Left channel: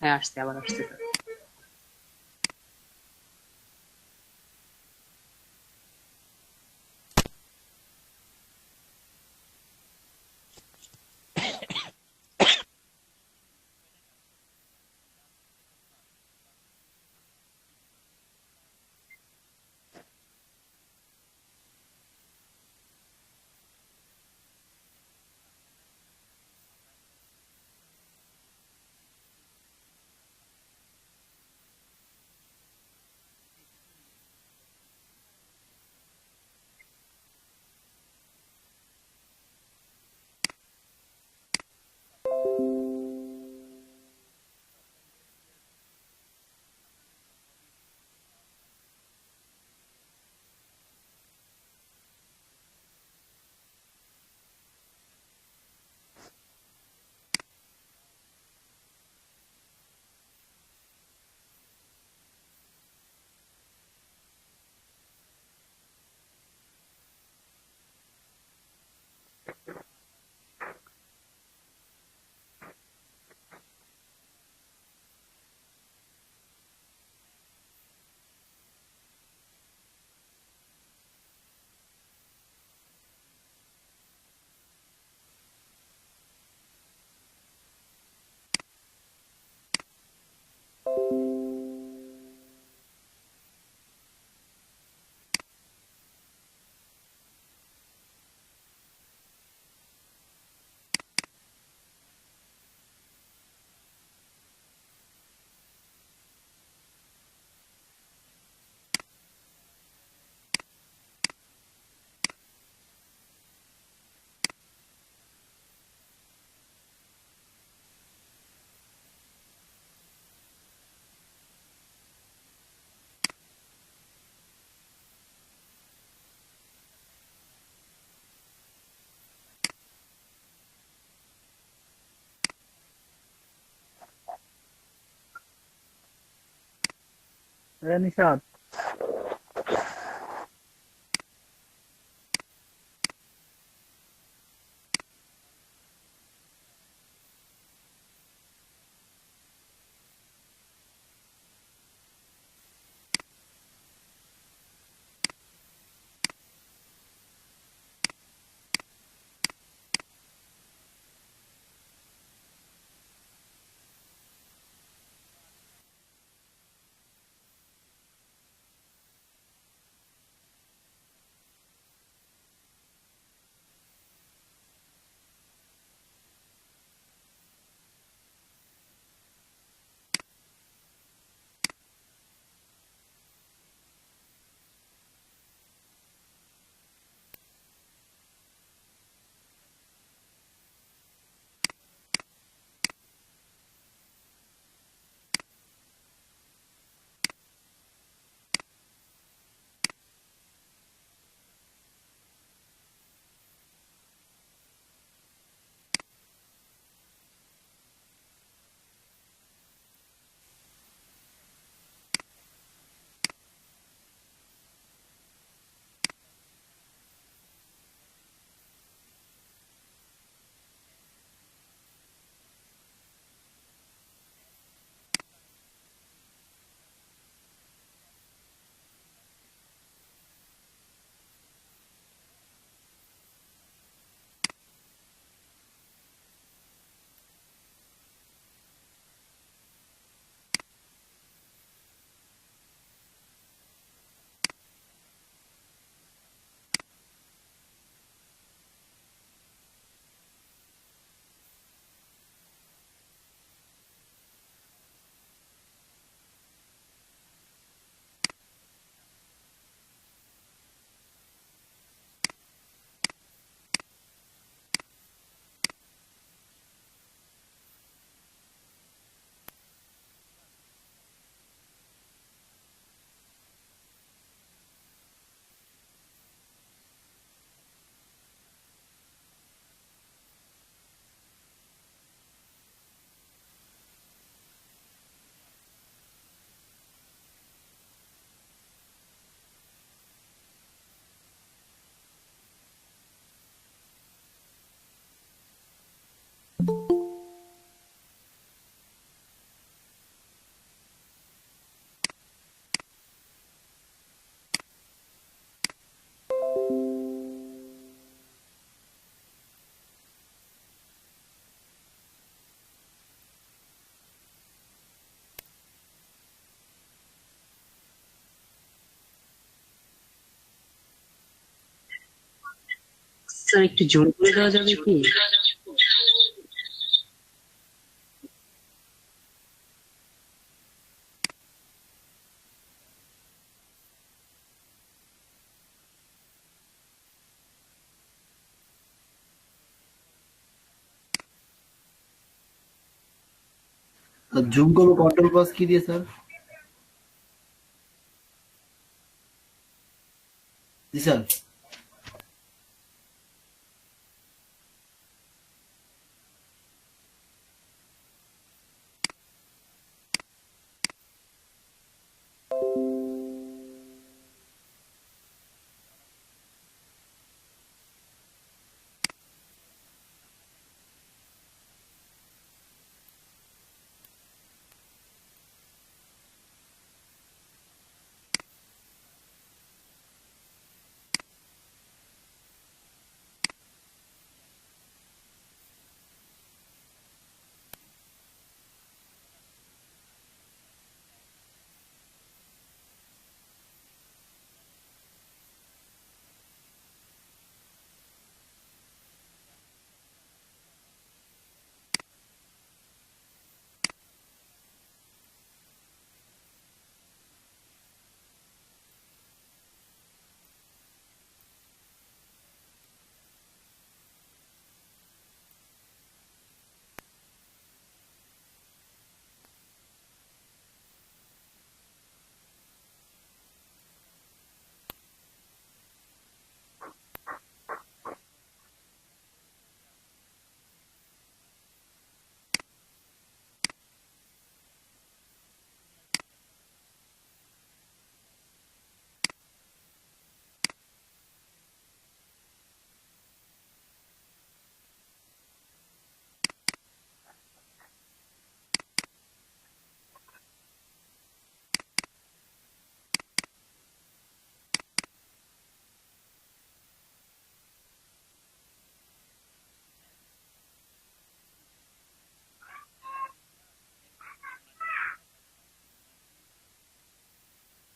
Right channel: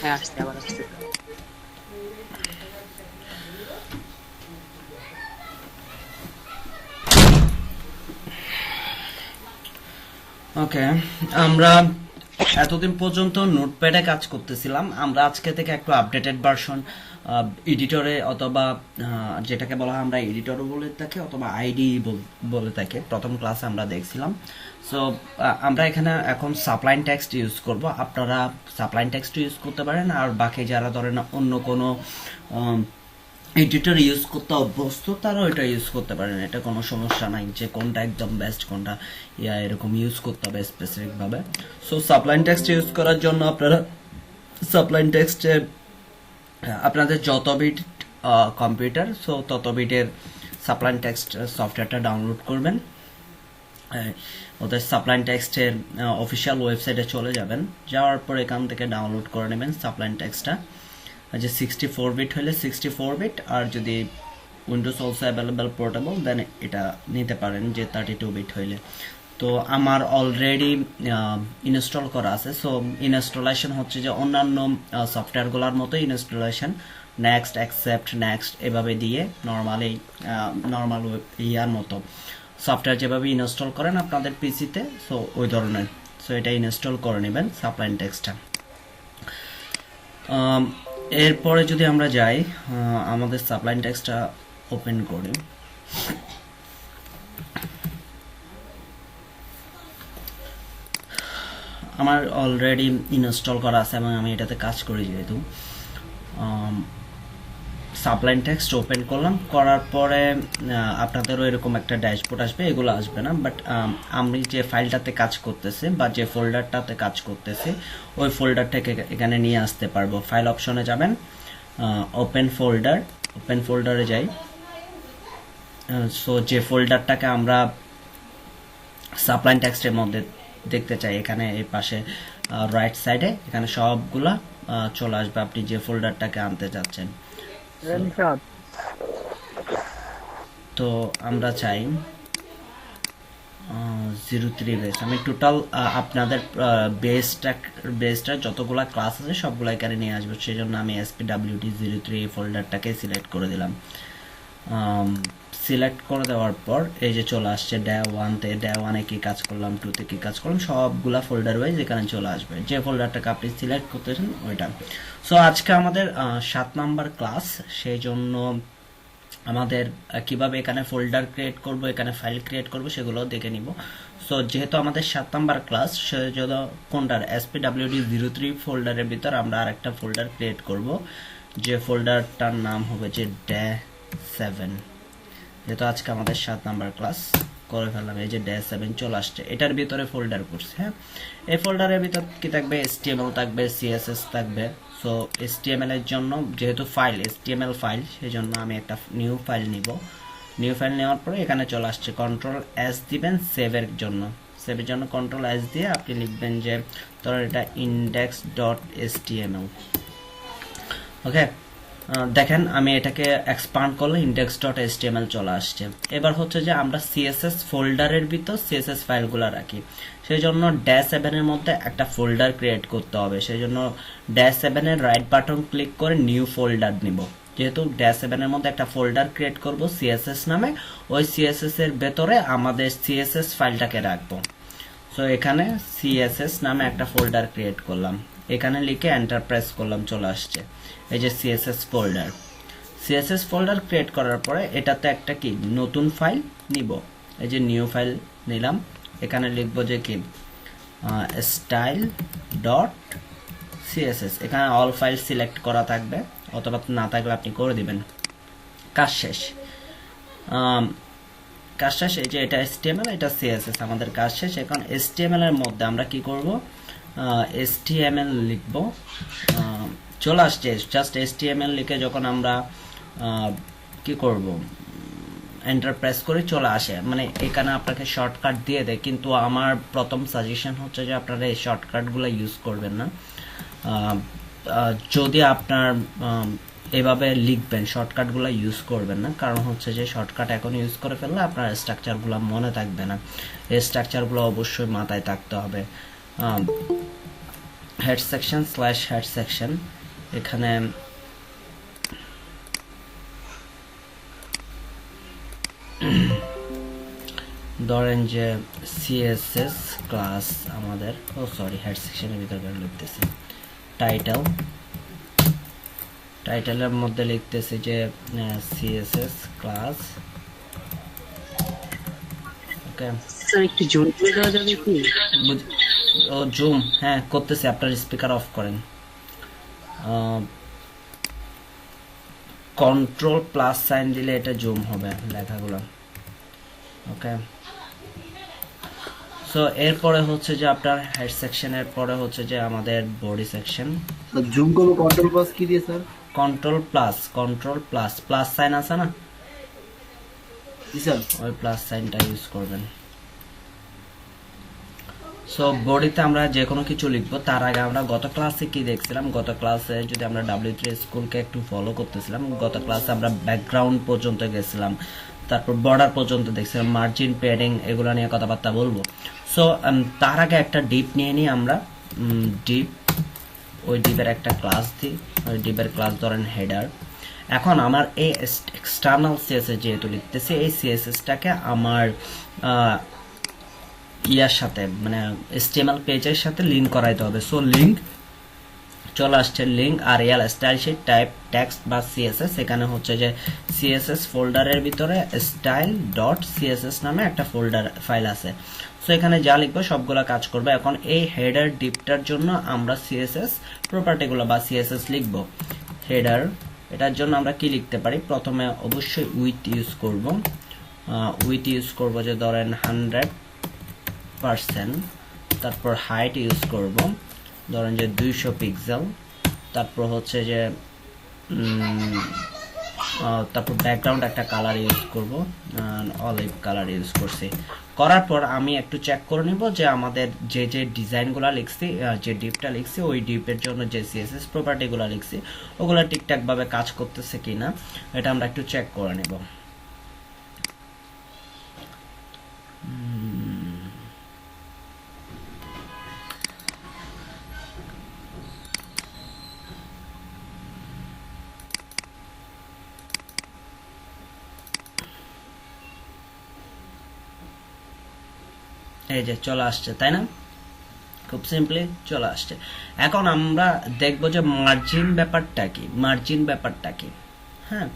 হ্যাঁ, আসছে, আবার আসছে। ওকে, আমরা এতদিন পর্যন্ত নোটপ্যাডে কাজ করতেছিলাম। আমরা আজকে থেকে একটু আপডেটেড ভার্সন এডিটরে অথবা যেটাকে বলা হয় আমরা এডিটরও বলে থাকি অথবা আইডি বলে থাকি, প্রথম ক্লাসে আমরা দেখছিলাম। সো আমরা এখানে এখন সাপ্লাইন টেক্সট ইউজ করব। আপনারা সাপ্লাইন টেক্সট ইউজ করতে পারেন, আর বাকি যারা ধরেন অন্য কোনো এডিটর ইউজ করতে অভ্যস্ত তারাও এটা ইউজ করতে পারেন। এটা কোনো সমস্যা নাই যে কোনটা একদম বেস্ট, কোনটা এরকম ইউজ করতে হবে স্পেসিফিক ভাবে। সো সাপ্লাইন টেক্সট ইউজ করার জন্য আপনারা সাপ্লাইন টেক্সটে আপনাদের যত বিট কম্পিউটার, সো তত বিটের সাপ্লাইন টেক্সট সফটওয়্যারটা ডাউনলোড করবেন। ওদের সাপ্লাইন টেক্সটের অফিসিয়াল ওয়েবসাইটে চলে যাবেন, যাওয়ার পর এখান থেকে ডাউনলোড করে নেবেন সাপ্লাইন টেক্সটটা। যে 64 বিট হলে 64 বিট, আর যদি উইন্ডোজ অলসো অ্যাভেলেবল পোর্টেবল দেন এটা নিতে পারেন যে 32 বিট হইলে। তো আমার অলরেডি ইনস্টল করা আছে। সো ইনস্টলেশন হচ্ছে যে অন্যান্য সফটওয়্যারগুলোর মতো ইনস্টলেশন নেক্সট অ্যাকসেপ্ট নেক্সট এভাবে দিয়ে নর্মালি নর্মাল ইয়ার মতো সফটওয়্যার যেভাবে ইনস্টল করেন আপনাদের পিসিতে, সো ওই ধরনের। সো এটা ইনস্টল করে নেবেন সাপ্লাইন টেক্সটটা। এরপরে যদি আমরা যাই আমাদের সাপ্লাইন টেক্সটটা ওপেন করি, আমার অলরেডি ইনস্টল করা আছে এবং আমি এটাতে কাজ করি। যেহেতু সাপ্লাইন টেক্সট ওপেন করলাম, করার পরে আপনাদেরও এরকম একটা ড্যাশবোর্ড আসবে। এগুলো আসবে না, বাট আমি যে ফাইলটাতে কাজ করতেছি বা যে ফোল্ডারটাতে কাজ করতেছি ওই ফোল্ডারটাকে এখানে নিয়ে আসতে পারবো। ফাইল অপশনে যাবেন, ওপেন ফোল্ডার, ওপেন ফোল্ডারে যাই। সো যে ফোল্ডারটাকে আমরা সাপ্লাইন টেক্সটের মধ্যে দেখতে চাই, এখানে এই পাশে রাইট সাইডে এখানে সবগুলা চলে আসবে আপনি যে ফোল্ডারটাকে আনতে চাচ্ছেন। So, নিশাদ, তো আমরা চাই 03 বেস। আমি টোটাল আপনাদের বেসটা যতগুলা ক্লাস আছে সবগুলো এখানে নিয়ে আসবো, সেই জন্য আমি SPWT03 ফোল্ডারটাকে সিলেক্ট করে দিলাম। সিলেক্ট করে দেওয়ার পর এই যে চলে আসছে ডে ওয়ানতে, ডে ওয়ানে কি কাজ করলাম, টুতে কি কাজ করলাম, সবগুলা ফোল্ডার ওয়াইজ এখানে চলে আসবে যে ফোল্ডারটাকে আপনি সিলেক্ট করতেছেন ওইটা। সো আজকে আমাদের 7 নাম্বার ক্লাস, সেই জন্য আমাদের কিভাবে এখানে ফোল্ডার ক্রিয়েট করব, এখানে ফাইল ক্রিয়েট করব সেগুলো দেখে নিব। সো যেহেতু আমাদের 7 নাম্বার ক্লাস, সেজন্য কোনটার SPWD03 ফোল্ডারের ভিতর আমরা আরেকটা ফোল্ডার ক্রিয়েট করব, যে ফোল্ডারটার নাম হবে যে ডে 7। যেহেতু আজকে আমাদের 7 নাম্বার ক্লাস করে ফেললাম, এই যে ডে 7 চলে আসছে, এটার ভিতরে ফোল্ডার করছে। হ্যাঁ, এই ফোল্ডারের ভিতর কি থাকবে, HTML থাকবে, CSS থাকবে। সো HTML এর জন্য যেহেতু ফাইল HTML ফাইল, সেই জন্য আমি একটা নিউ ফাইল নিব। নিউ ফাইল নেওয়ার পরে এখানে চলে আসছে, কন্ট্রোল এস দিবেন সেভের জন্য। সেভের জন্য কন্ট্রোল এস দিয়ে আপনি লিখবেন যে ধরুন এটা index.html। ওকে, দেখেন আমি এটাকে এক্সপান্ড করলে index.html চলে আসছে। এবার হচ্ছে যে আমরা CSS ফোল্ডারের ভিতর CSS ফাইলগুলো রাখি, সেই জন্য -7 এর মধ্যে একটা ফোল্ডার ক্রিয়েট করতে হবে। সেই জন্য -7 এর রাইট বাটন ক্লিক করে নিউ ফোল্ডার নিব। যেহেতু -7 এর মধ্যে একটা ফোল্ডার ক্রিয়েট করব CSS নামে, ওই CSS এর ভেতরে আমাদের CSS ফাইলটাকে রাখবো। সো এখানে CSS নামে একটা ফোল্ডার ক্রিয়েট করলাম, এখানে লিখে এন্টার প্রেস করলাম, চলে আসছে এই যে CSS folder. CSS folder create করার পরে এটাতে একটা কি নতুন ফাইল নিব, এই যে নিউ ফাইল নিলাম। এখানে লিখবো যে কি স্টাইল ডট সিএসএস। এখানে অল ফাইল সিলেক্ট করা থাকবে, অথবা না থাকলে আপনি করে দিবেন। কাজ শেষ। কাজ শেষ, এই যে এটা HTML, এটা CSS, আমাদের কাজ শেষ। এখন HTML এর মধ্যে আমরা কি করব, HTML লিখব। চলে আসছে জাস্ট HTML লিখে যখন আমরা কি করব, এন্টার প্রেস করে চলে আসে, মানে এখানে আপনাকে শর্টকাট দিয়ে দেয়। কিন্তু আমার প্রথম সাজেশন হচ্ছে যে আপনারা এই শর্টকাটগুলো ইউজ করবেন না। যদি আপনার এভাবে লিখবেন, শর্টকাটগুলো ইউজ করবেন না, কারণ হচ্ছে যে শর্টকাট এখন ইউজ করে ফেললে আপনার স্ট্রাকচারগুলো মনে থাকবে না। এই স্ট্রাকচারগুলো অবশ্যই মাথায় থাকতে হবে। Head section slash head section, এখানে ধরেন যে সিএসএস ক্লাস আমাদের, ও সরি হেড সেকশনের ভিতরে লিখতেছি টাইটেল, টাইটেলের মধ্যে লিখতেছি যে সিএসএস ক্লাস। ওকে স্যার একটু জোর করে দেওয়া যাবে কি? ও জুম, হ্যাঁ করতেছি, আপনার স্পিকার অফ করেন। কন্ট্রোল প্লাস সাইন দিলে এটা জুম হবে লেখাগুলো। ওকে, সো এরপরে হচ্ছে যে আপনার হেড সেকশনের পরে হচ্ছে যে আমাদের বডি সেকশন। জুম করবো কন্ট্রোল প্লাস কি দিয়ে sir? Control plus plus sign আছে না, জি স্যার। ওই প্লাস সাইনটা ইউজ করবেন। সো বডিতে আমরা যে কোনো কিছু লিখবো তার আগে আমরা গত ক্লাসে কি দেখছিলাম, গত ক্লাসে যদি আমরা W3 স্কুলকে একটু ফলো করতেছিলাম, গত ক্লাসে আমরা ব্যাকগ্রাউন্ড পর্যন্ত গেছিলাম, তারপর বর্ডার পর্যন্ত দেখছিলাম, মার্জিন প্যাডিং এগুলো নিয়ে কথাবার্তা বলবো। সো তার আগে একটা ডিপ নিয়ে নিই আমরা, ডিপ, ওই ডিপের একটা ক্লাস দিই, ওই ডিপের ক্লাস ধরেন হেডার। এখন আমার এই এক্সটার্নাল সিএসএস যেহেতু লিখতেছি, এই সিএসএসটাকে আমার ইয়ার সাথে মানে HTML পেজের সাথে লিংক করাইতে হবে। সো লিংক চলে আসছে, লিংক আর L style sheet type text বা সিএসএস, এখানে হচ্ছে যে সিএসএস ফোল্ডারের ভিতরে স্টাইল ডট সিএসএস নামে একটা ফোল্ডার ফাইল আছে। সো এখানে যা লিখবো সবগুলো কাজ করবে। এখন এই হেডার ডিপটার জন্য আমরা সিএসএস প্রপার্টিগুলো বা সিএসএস লিখব। হেডার, এটার জন্য আমরা কি লিখতে পারি, প্রথমে অবশ্যই উইথ ইউজ করব, উইথ ইউজ করব যে ধরেন 100%, তারপর হাইট ইউজ করব ধরেন যে 200 পিক্সেল, তারপর হচ্ছে যে তারপর ব্যাকগ্রাউন্ড একটা কালার ইউজ করব, অলিভ কালার ইউজ করছি। করার পর আমি একটু চেক করে নিব যে আমাদের যে যে ডিজাইনগুলো লিখছি, যে ডিপটা লিখছি, ওই ডিপের জন্য যে সিএসএস প্রপার্টিগুলো লিখছি ওগুলো ঠিকঠাকভাবে কাজ করতেছে কিনা এটা আমরা একটু চেক করে নিব। এই যে চলে আসছে, তাই না, খুব সিম্পলি চলে আসছে। এখন আমরা দেখব যে মার্জিন ব্যাপারটা কি, মার্জিন ব্যাপারটা কি। হ্যাঁ,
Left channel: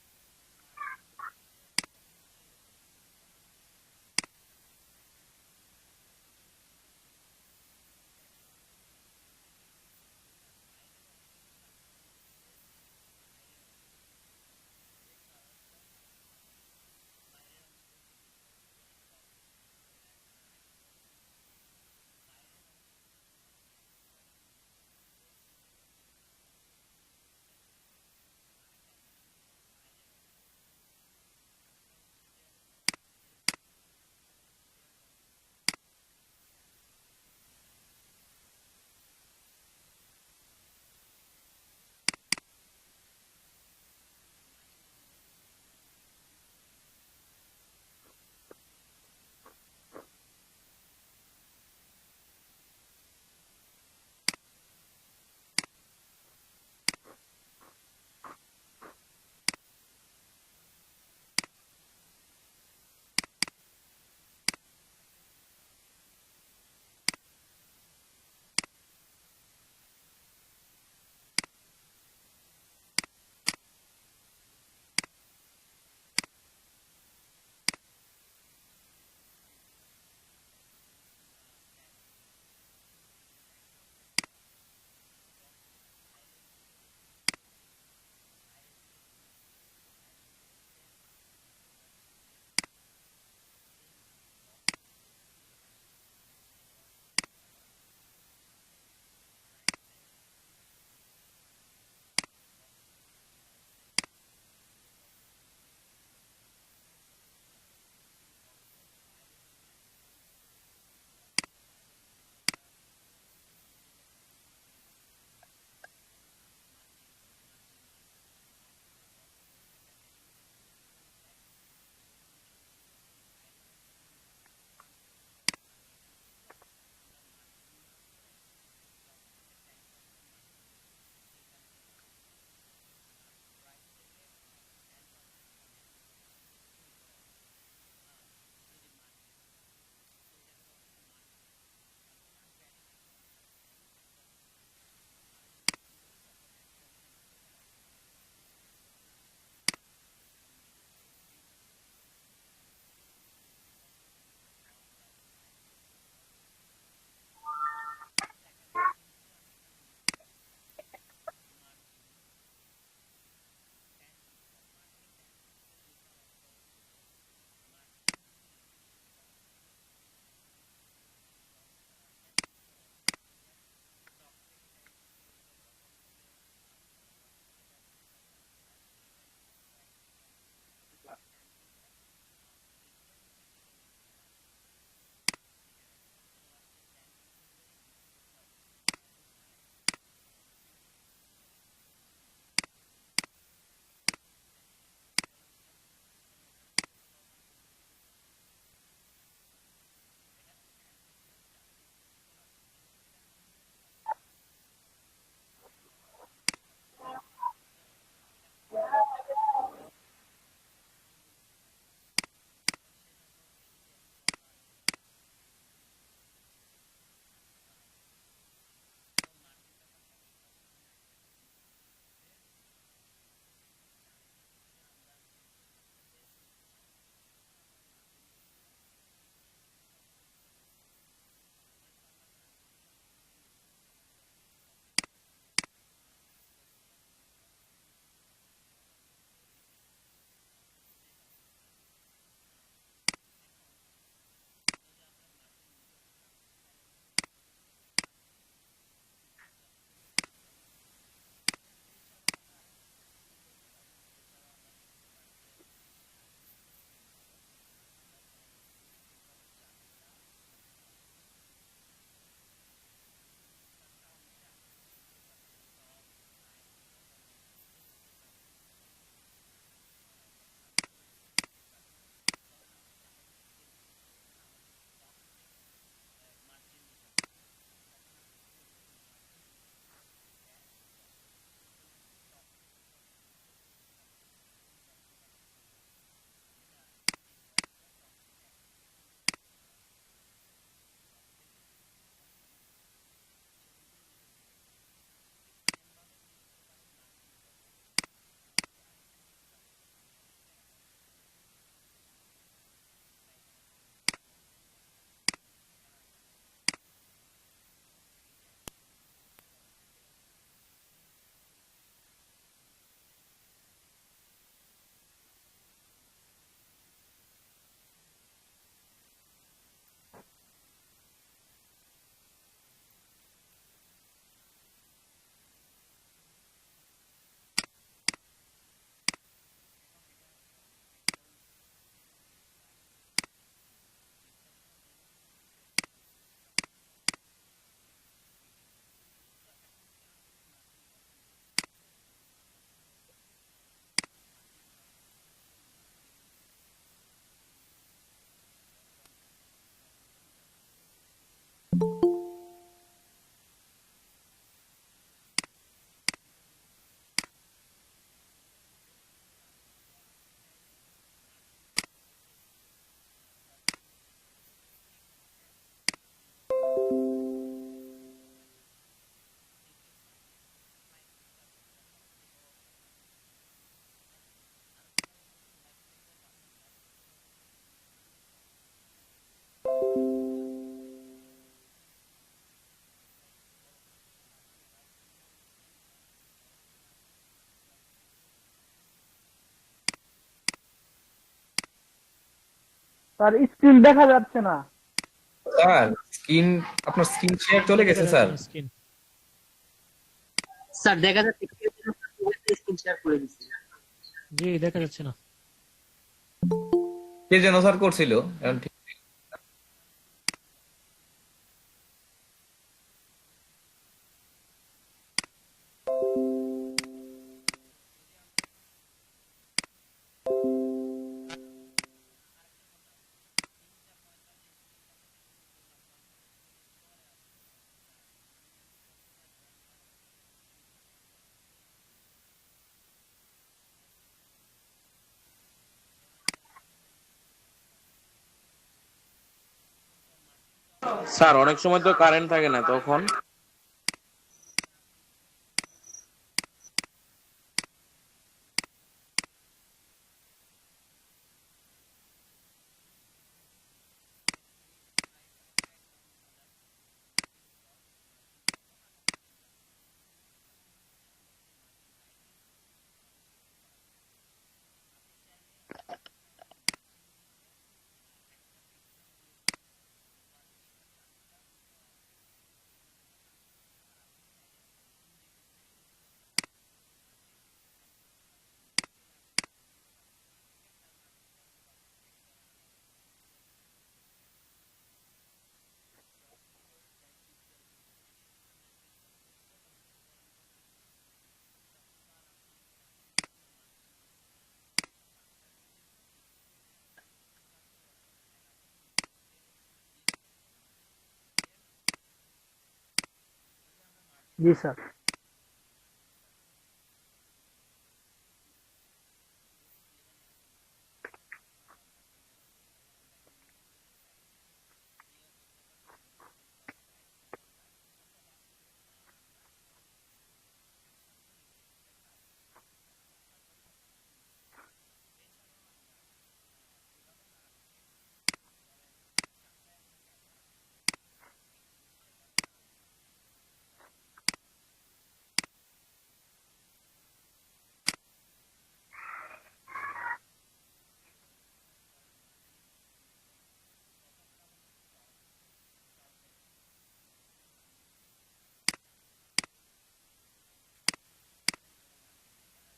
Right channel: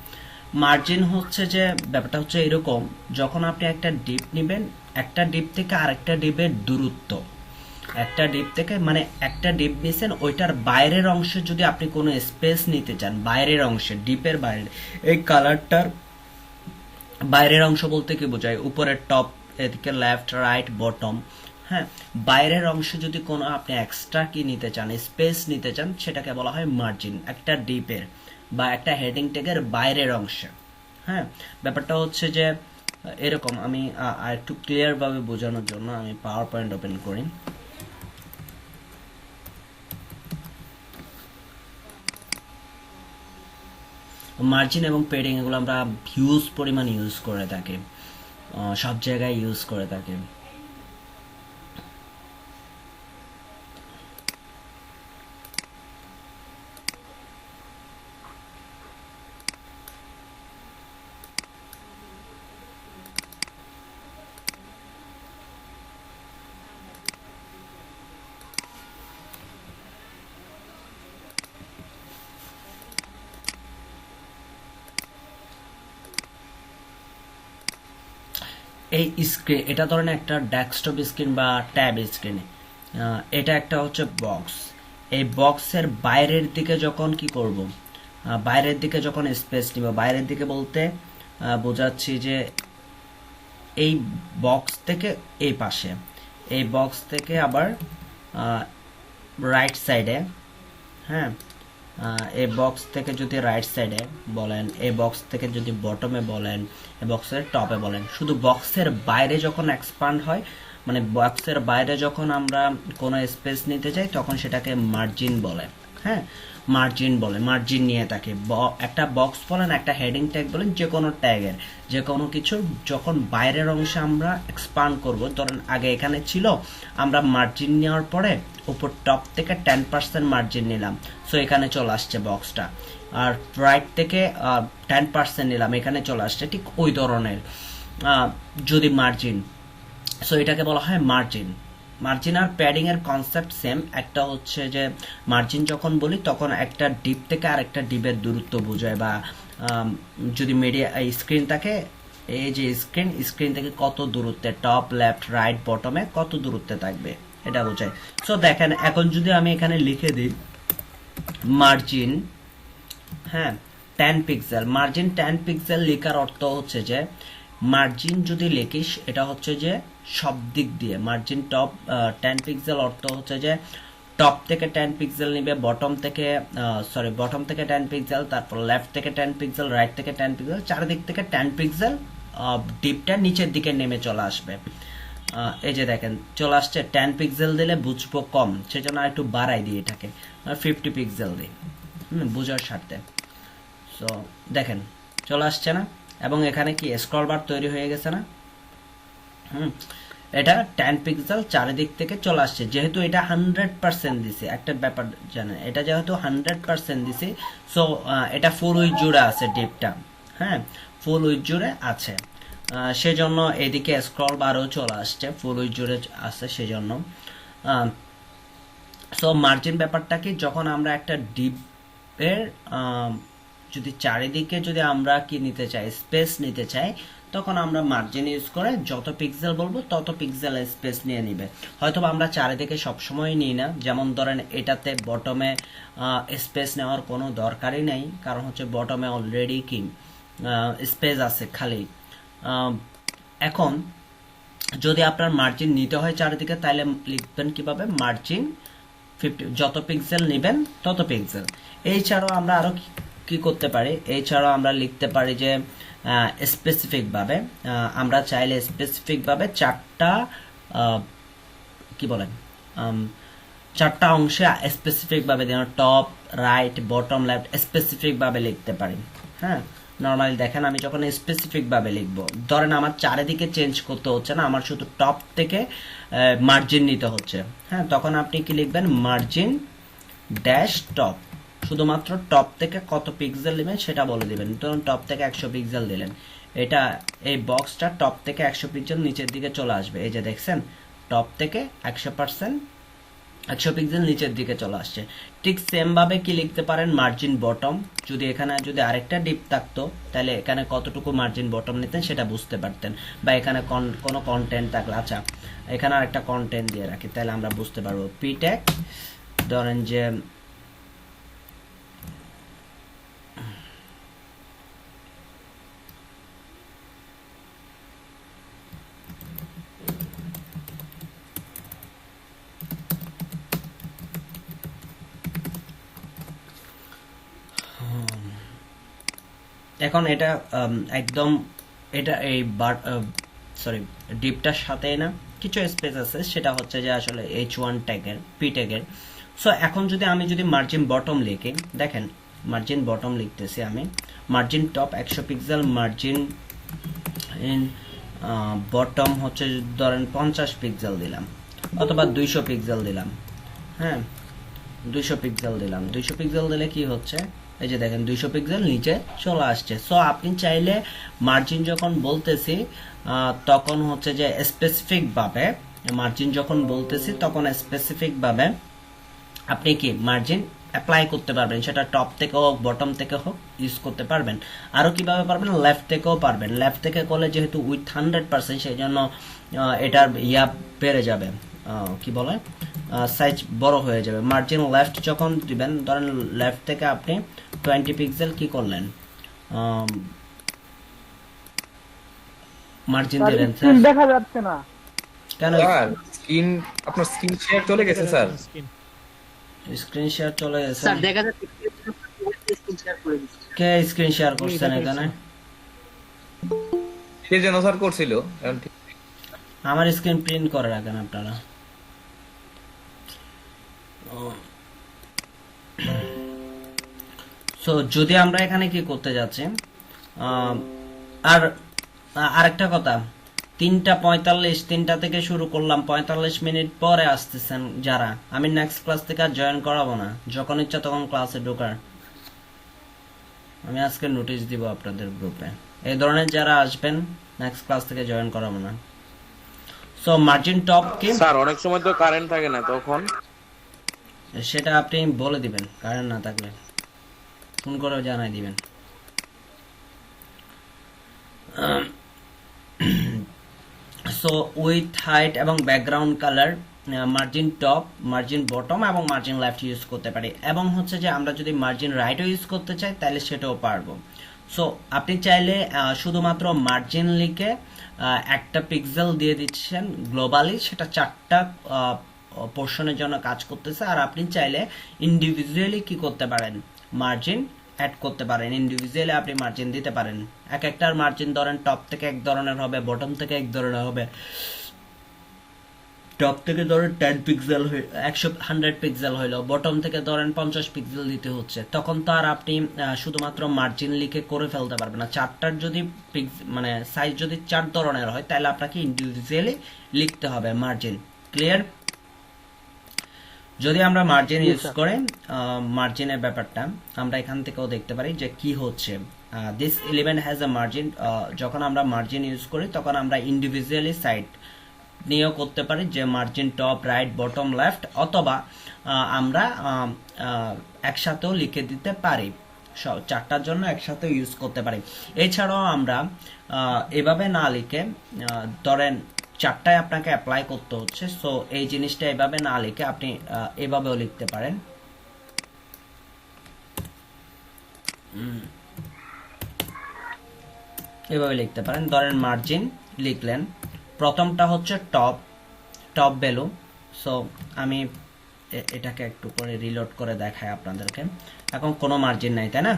মার্জিন হচ্ছে যে ব্যাপারটা হচ্ছে এরকম, যখন আপনি একটা ডিপ নেবেন, একটা ডিপ থেকে আরেকটা ডিপের দূরত্ব, একটা ডিপ থেকে মানে একটা ডিপ নিয়েছেন, ওইটার বাইরের অংশে যদি আপনি কোনো স্পেস নিতে চান, বাইরের অংশে ডিপের বাইরে, এই কালারটার বাইরের অংশ বলতে কি বোঝায়, উপরের টপ, এদিকে লেফট রাইট বটম। হ্যাঁ, বাইরের অংশে যদি কোনো আপনি এক্সট্রা কি নিতে চান, স্পেস নিতে চান, সেটাকে বলা হয় মার্জিন, একটা ডিপের বা একটা হেডিং ট্যাগের বাইরের অংশে। হ্যাঁ, ব্যাপারটা হচ্ছে যে এরকম, আমি আর একটু ক্লিয়ার ভাবে বোঝানোর জন্য আমি পাওয়ার পয়েন্ট ওপেন করি। মার্জিন এবং পেডিং এগুলো আমরা হিউজ পরিমাণ ইউজ করে থাকি, সব জায়গায় ইউজ করে থাকি। এই স্ক্রিন, এটা ধরেন একটা ডেস্কটপ স্ক্রিন বা ট্যাব স্ক্রিন, এটা একটা হচ্ছে বক্স। এই বক্সের বাইরের দিকে যখন কি করব, বাইরের দিকে যখন স্পেস নিব, বাইরের দিকে বলতে বোঝাচ্ছি যে এই বক্স থেকে এই পাশে, এই বক্স থেকে আবার রাইট সাইডে, হ্যাঁ, এই বক্স থেকে যদি রাইট সাইডে বলেন, এই বক্স থেকে যদি বটমে বলেন, এই বক্সের টপে বলেন, শুধু বক্সের বাইরে যখন এক্সপান্ড হয়, মানে বক্সের বাইরে যখন আমরা কোনো স্পেস নিতে চাই তখন সেটাকে মার্জিন বলে। হ্যাঁ, মার্জিন বলে, মার্জিন নিয়ে থাকে। একটা বক্স বলেন, একটা হেডিং ট্যাগ বলেন, যে কোনো ট্যাগের, যে কোনো কিছু যখন বাইরের অংশে আমরা এক্সপান্ড করব, ধরেন আগে এখানে ছিল, আমরা মার্জিন নেওয়ার পরে উপর টপ থেকে 10% মার্জিন নিলাম, সো এখানে চলে আসছে বক্সটা। আর রাইট থেকে 10% নিলাম, এখানে চলে আসছে। ঠিক ওই ধরনের যদি মার্জিন, সো এটাকে বলা হয় মার্জিন। মার্জিন আর প্যাডিং এর কনসেপ্ট সেম। একটা হচ্ছে যে মার্জিন যখন বলি তখন একটা ডিপ থেকে আরেকটা ডিপের দূরত্ব বোঝায়, বা যদি মিডিয়া স্ক্রিন থাকে, এই যে স্ক্রিন থেকে কত দূরত্বে, টপ লেফট রাইট বটমে কত দূরত্বে থাকবে এটা বোঝায়। সো দেখেন এখন যদি আমি এখানে লিখে দিই মার্জিন, হ্যাঁ 10 পিক্সেল, মার্জিন 10 পিক্সেল লেখার অর্থ হচ্ছে যে মার্জিন যদি লিখিস এটা হচ্ছে যে সব দিক দিয়ে মার্জিন টপ 10 পিক্সেল অর্থ হচ্ছে যে টপ থেকে 10 পিক্সেল নিবে, বটম থেকে 10 পিক্সেল, তারপর লেফট থেকে 10 পিক্সেল, রাইট থেকে 10 পিক্সেল, চারিদিক থেকে 10 পিক্সেল, ডিপটা নিচের দিকে নেমে চলে আসবে। এই যে দেখেন চলে আসছে। 10 পিক্সেল দিলে বুঝবো কম, সেজন্য আর একটু বাড়াই দিই এটাকে, 50 পিক্সেল দিই বুঝার স্বার্থে। সো দেখেন চলে আসছে না, এবং এখানে কি স্ক্রল বার তৈরি হয়ে গেছে না। এটা 10 পিক্সেল চারিদিক থেকে চলে আসছে, যেহেতু এটা 100% দিছে। একটা ব্যাপার জানেন, এটা যেহেতু 100% দিছে, সো এটা ফুল উইথ জুড়ে আছে ডিপটা, হ্যাঁ ফুল উইথ জুড়ে আছে, সেজন্য এদিকে স্ক্রল বারও চলে আসছে, ফুল উইথ জুড়ে আছে সেজন্য। সো মার্জিন ব্যাপারটা কি, যখন আমরা একটা ডিপের যদি চারিদিকে যদি আমরা কি নিতে চাই, স্পেস নিতে চাই, তখন আমরা মার্জিন ইউজ করে যত পিক্সেল বলবো তত পিক্সেল স্পেস নিয়ে নিবে। হয়তো আমরা চারিদিকে সবসময় নিই না, যেমন ধরেন এটাতে বটমে স্পেস নেওয়ার কোনো দরকারই নেই, কারণ হচ্ছে বটমে অলরেডি কি স্পেস আছে খালি। এখন যদি আপনার মার্জিন নিতে হয় চারিদিকে, তাহলে লিখবেন কিভাবে, মার্জিন 50, যত পিক্সেল নেবেন তত পিক্সেল। এছাড়াও আমরা আরো কি করতে পারি, এছাড়াও আমরা লিখতে পারি যে স্পেসিফিক ভাবে, আমরা চাইলে স্পেসিফিক ভাবে চারটা কি বলেন চারটা অংশে স্পেসিফিক ভাবে, যেন top right bottom left specific ভাবে লিখতে পারি। হ্যাঁ নর্মালি দেখেন আমি যখন স্পেসিফিক ভাবে লিখবো, ধরেন আমার চারিদিকে চেঞ্জ করতে হচ্ছে না, আমার শুধু টপ থেকে মার্জিন নিতে হচ্ছে, হ্যাঁ তখন আপনি কি লিখবেন, মার্জিন ড্যাশ টপ, শুধুমাত্র টপ থেকে কত পিক্সেল নেবেন সেটা বলে দিবেন। ধরুন টপ থেকে 100 পিক্সেল দিলেন, এটা এই বক্সটা টপ থেকে 100 পিক্সেল নিচের দিকে চলে আসবে। এই যে দেখছেন টপ থেকে 100 পিক্সেল নিচের দিকে চলে আসছে। ঠিক সেম ভাবে কি লিখতে পারেন, মার্জিন বটম, যদি এখানে যদি আরেকটা ডিপ থাকতো তাহলে এখানে কতটুকু মার্জিন বটম নিতেন সেটা বুঝতে পারতেন, বা এখানে কোনো কন্টেন্ট থাকলে, আচ্ছা এখানে আরেকটা কন্টেন্ট দিয়ে রাখি তাহলে আমরা বুঝতে পারবো। পি ট্যাগ ধরেন যে এখন এটা একদম এটা এই ডিপটার সাথে না কিছু স্পেস আছে, সেটা হচ্ছে যে আসলে H1 ট্যাগের, পি ট্যাগের। সো এখন যদি আমি যদি মার্জিন বটম লিখি, দেখেন মার্জিন বটম লিখতেছি আমি, margin top 100 pixel, margin in bottom হচ্ছে ধরেন 50 পিক্সেল দিলাম, অথবা 200 পিক্সেল দিলাম, হ্যাঁ 200 পিক্সেল দিলাম। 200 পিক্সেল দিলে কি হচ্ছে, এই যে দেখেন 200 পিক্সেল নিচে চলে আসছে। সো আপনি চাইলে মার্জিন যখন বলতেছি তখন হচ্ছে যে স্পেসিফিক ভাবে, মার্জিন যখন বলতেছি তখন স্পেসিফিক ভাবে আপনি কি মার্জিন অ্যাপ্লাই করতে পারবেন, সেটা টপ থেকে হোক বটম থেকে হোক ইউজ করতে পারবেন। আরো কিভাবে পারবেন, লেফট থেকেও পারবেন। লেফট থেকে করলে যেহেতু উইথ 100% সেই জন্য এটার ইয়া বেড়ে যাবে, কি বলে সাইজ বড় হয়ে যাবে। মার্জিন লেফট যখন দিবেন, ধরেন লেফট থেকে আপনি 20 পিক্সেল কি করলেন, মার্জিন দিলেন, স্ক্রিন দেখা যাচ্ছে না কেন স্যার স্ক্রিন, আপনার স্ক্রিন শেয়ার চলে গেছে স্যার। স্ক্রিন শেয়ার চলে গেছে? স্যার দেখা যাচ্ছে স্ক্রিন শেয়ার করে দিচ্ছি। কে স্ক্রিন শেয়ার করছেন এখানে? সে যেন স্যার করছিল, এখন ঠিক আমার স্ক্রিন প্রিন্ট করে রাখেন আপনারা। সো যদি আমরা এখানে কি করতে যাচ্ছি, আহ, আর আরেকটা কথা, 3:45, 3টা থেকে শুরু করলাম, 45 মিনিট পরে আসতেছেন যারা, আমি নেক্সট ক্লাস থেকে আর জয়েন করাবো না, যখন ইচ্ছা তখন ক্লাসে ঢোকার আমি আজকে নোটিশ দিব আপনাদের গ্রুপে। এই ধরনের যারা আসবেন নেক্সট ক্লাস থেকে জয়েন করাবো না। সো মার্জিন টপ কি, স্যার অনেক সময় তো কারেন্ট থাকে না, তখন সেটা আপনি বলে দিবেন, কারেন্ট না থাকলে ফোন করে জানাই দিবেন। সো উইথ হাইট এবং background colour, margin top, margin bottom এবং মার্জিন লেফট ইউজ করতে পারি, এবং হচ্ছে যে আমরা যদি মার্জিন রাইটও ইউজ করতে চাই তাহলে সেটাও পারবো। সো আপনি চাইলে শুধুমাত্র মার্জিন লিখে একটা পিক্সেল দিয়ে দিচ্ছেন গ্লোবালি, সেটা 4টা পোর্শনের জন্য কাজ করতেছে। আর আপনি চাইলে ইন্ডিভিজুয়ালি কি করতে পারেন, মার্জিন অ্যাড করতে পারেন, ইন্ডিভিজুয়ালি আপনি মার্জিন দিতে পারেন। এক একটার মার্জিন ধরেন টপ থেকে এক ধরনের হবে, বটম থেকে এক ধরনের হবে। টপ থেকে ধরেন 10 পিক্সেল, 100 পিক্সেল হইলো, বটম থেকে ধরেন 50 পিক্সেল দিতে হচ্ছে, তখন তো আর আপনি শুধুমাত্র মার্জিন লিখে করে ফেলতে পারবেন না। 4টার যদি মানে সাইজ যদি 4 ধরনের হয় তাহলে আপনাকে ইন্ডিভিজুয়ালি লিখতে হবে মার্জিন। ক্লিয়ার? যদি আমরা মার্জিন ইউজ করে, মার্জিনের ব্যাপারটা আমরা এখান থেকেও দেখতে পারি যে কি হচ্ছে। This element has a margin, যখন আমরা মার্জিন ইউজ করি তখন আমরা ইন্ডিভিজুয়ালি সাইড নিয়েও করতে পারি, যে margin top, right, bottom, left, অথবা আমরা একসাথেও লিখে দিতে পারি, 4টার জন্য একসাথে ইউজ করতে পারি। এছাড়াও আমরা এভাবে না লিখে, ধরেন 4টায় আপনাকে অ্যাপ্লাই করতে হচ্ছে, সো এই জিনিসটা এভাবে না লিখে আপনি এভাবেও লিখতে পারেন। এভাবে লিখতে পারেন, ধরেন মার্জিন লিখলেন, প্রথমটা হচ্ছে টপ, টপ ভ্যালু। সো আমি এটাকে একটু করে রিলোড করে দেখাই আপনাদেরকে। এখন কোনো মার্জিন নাই, তাই না?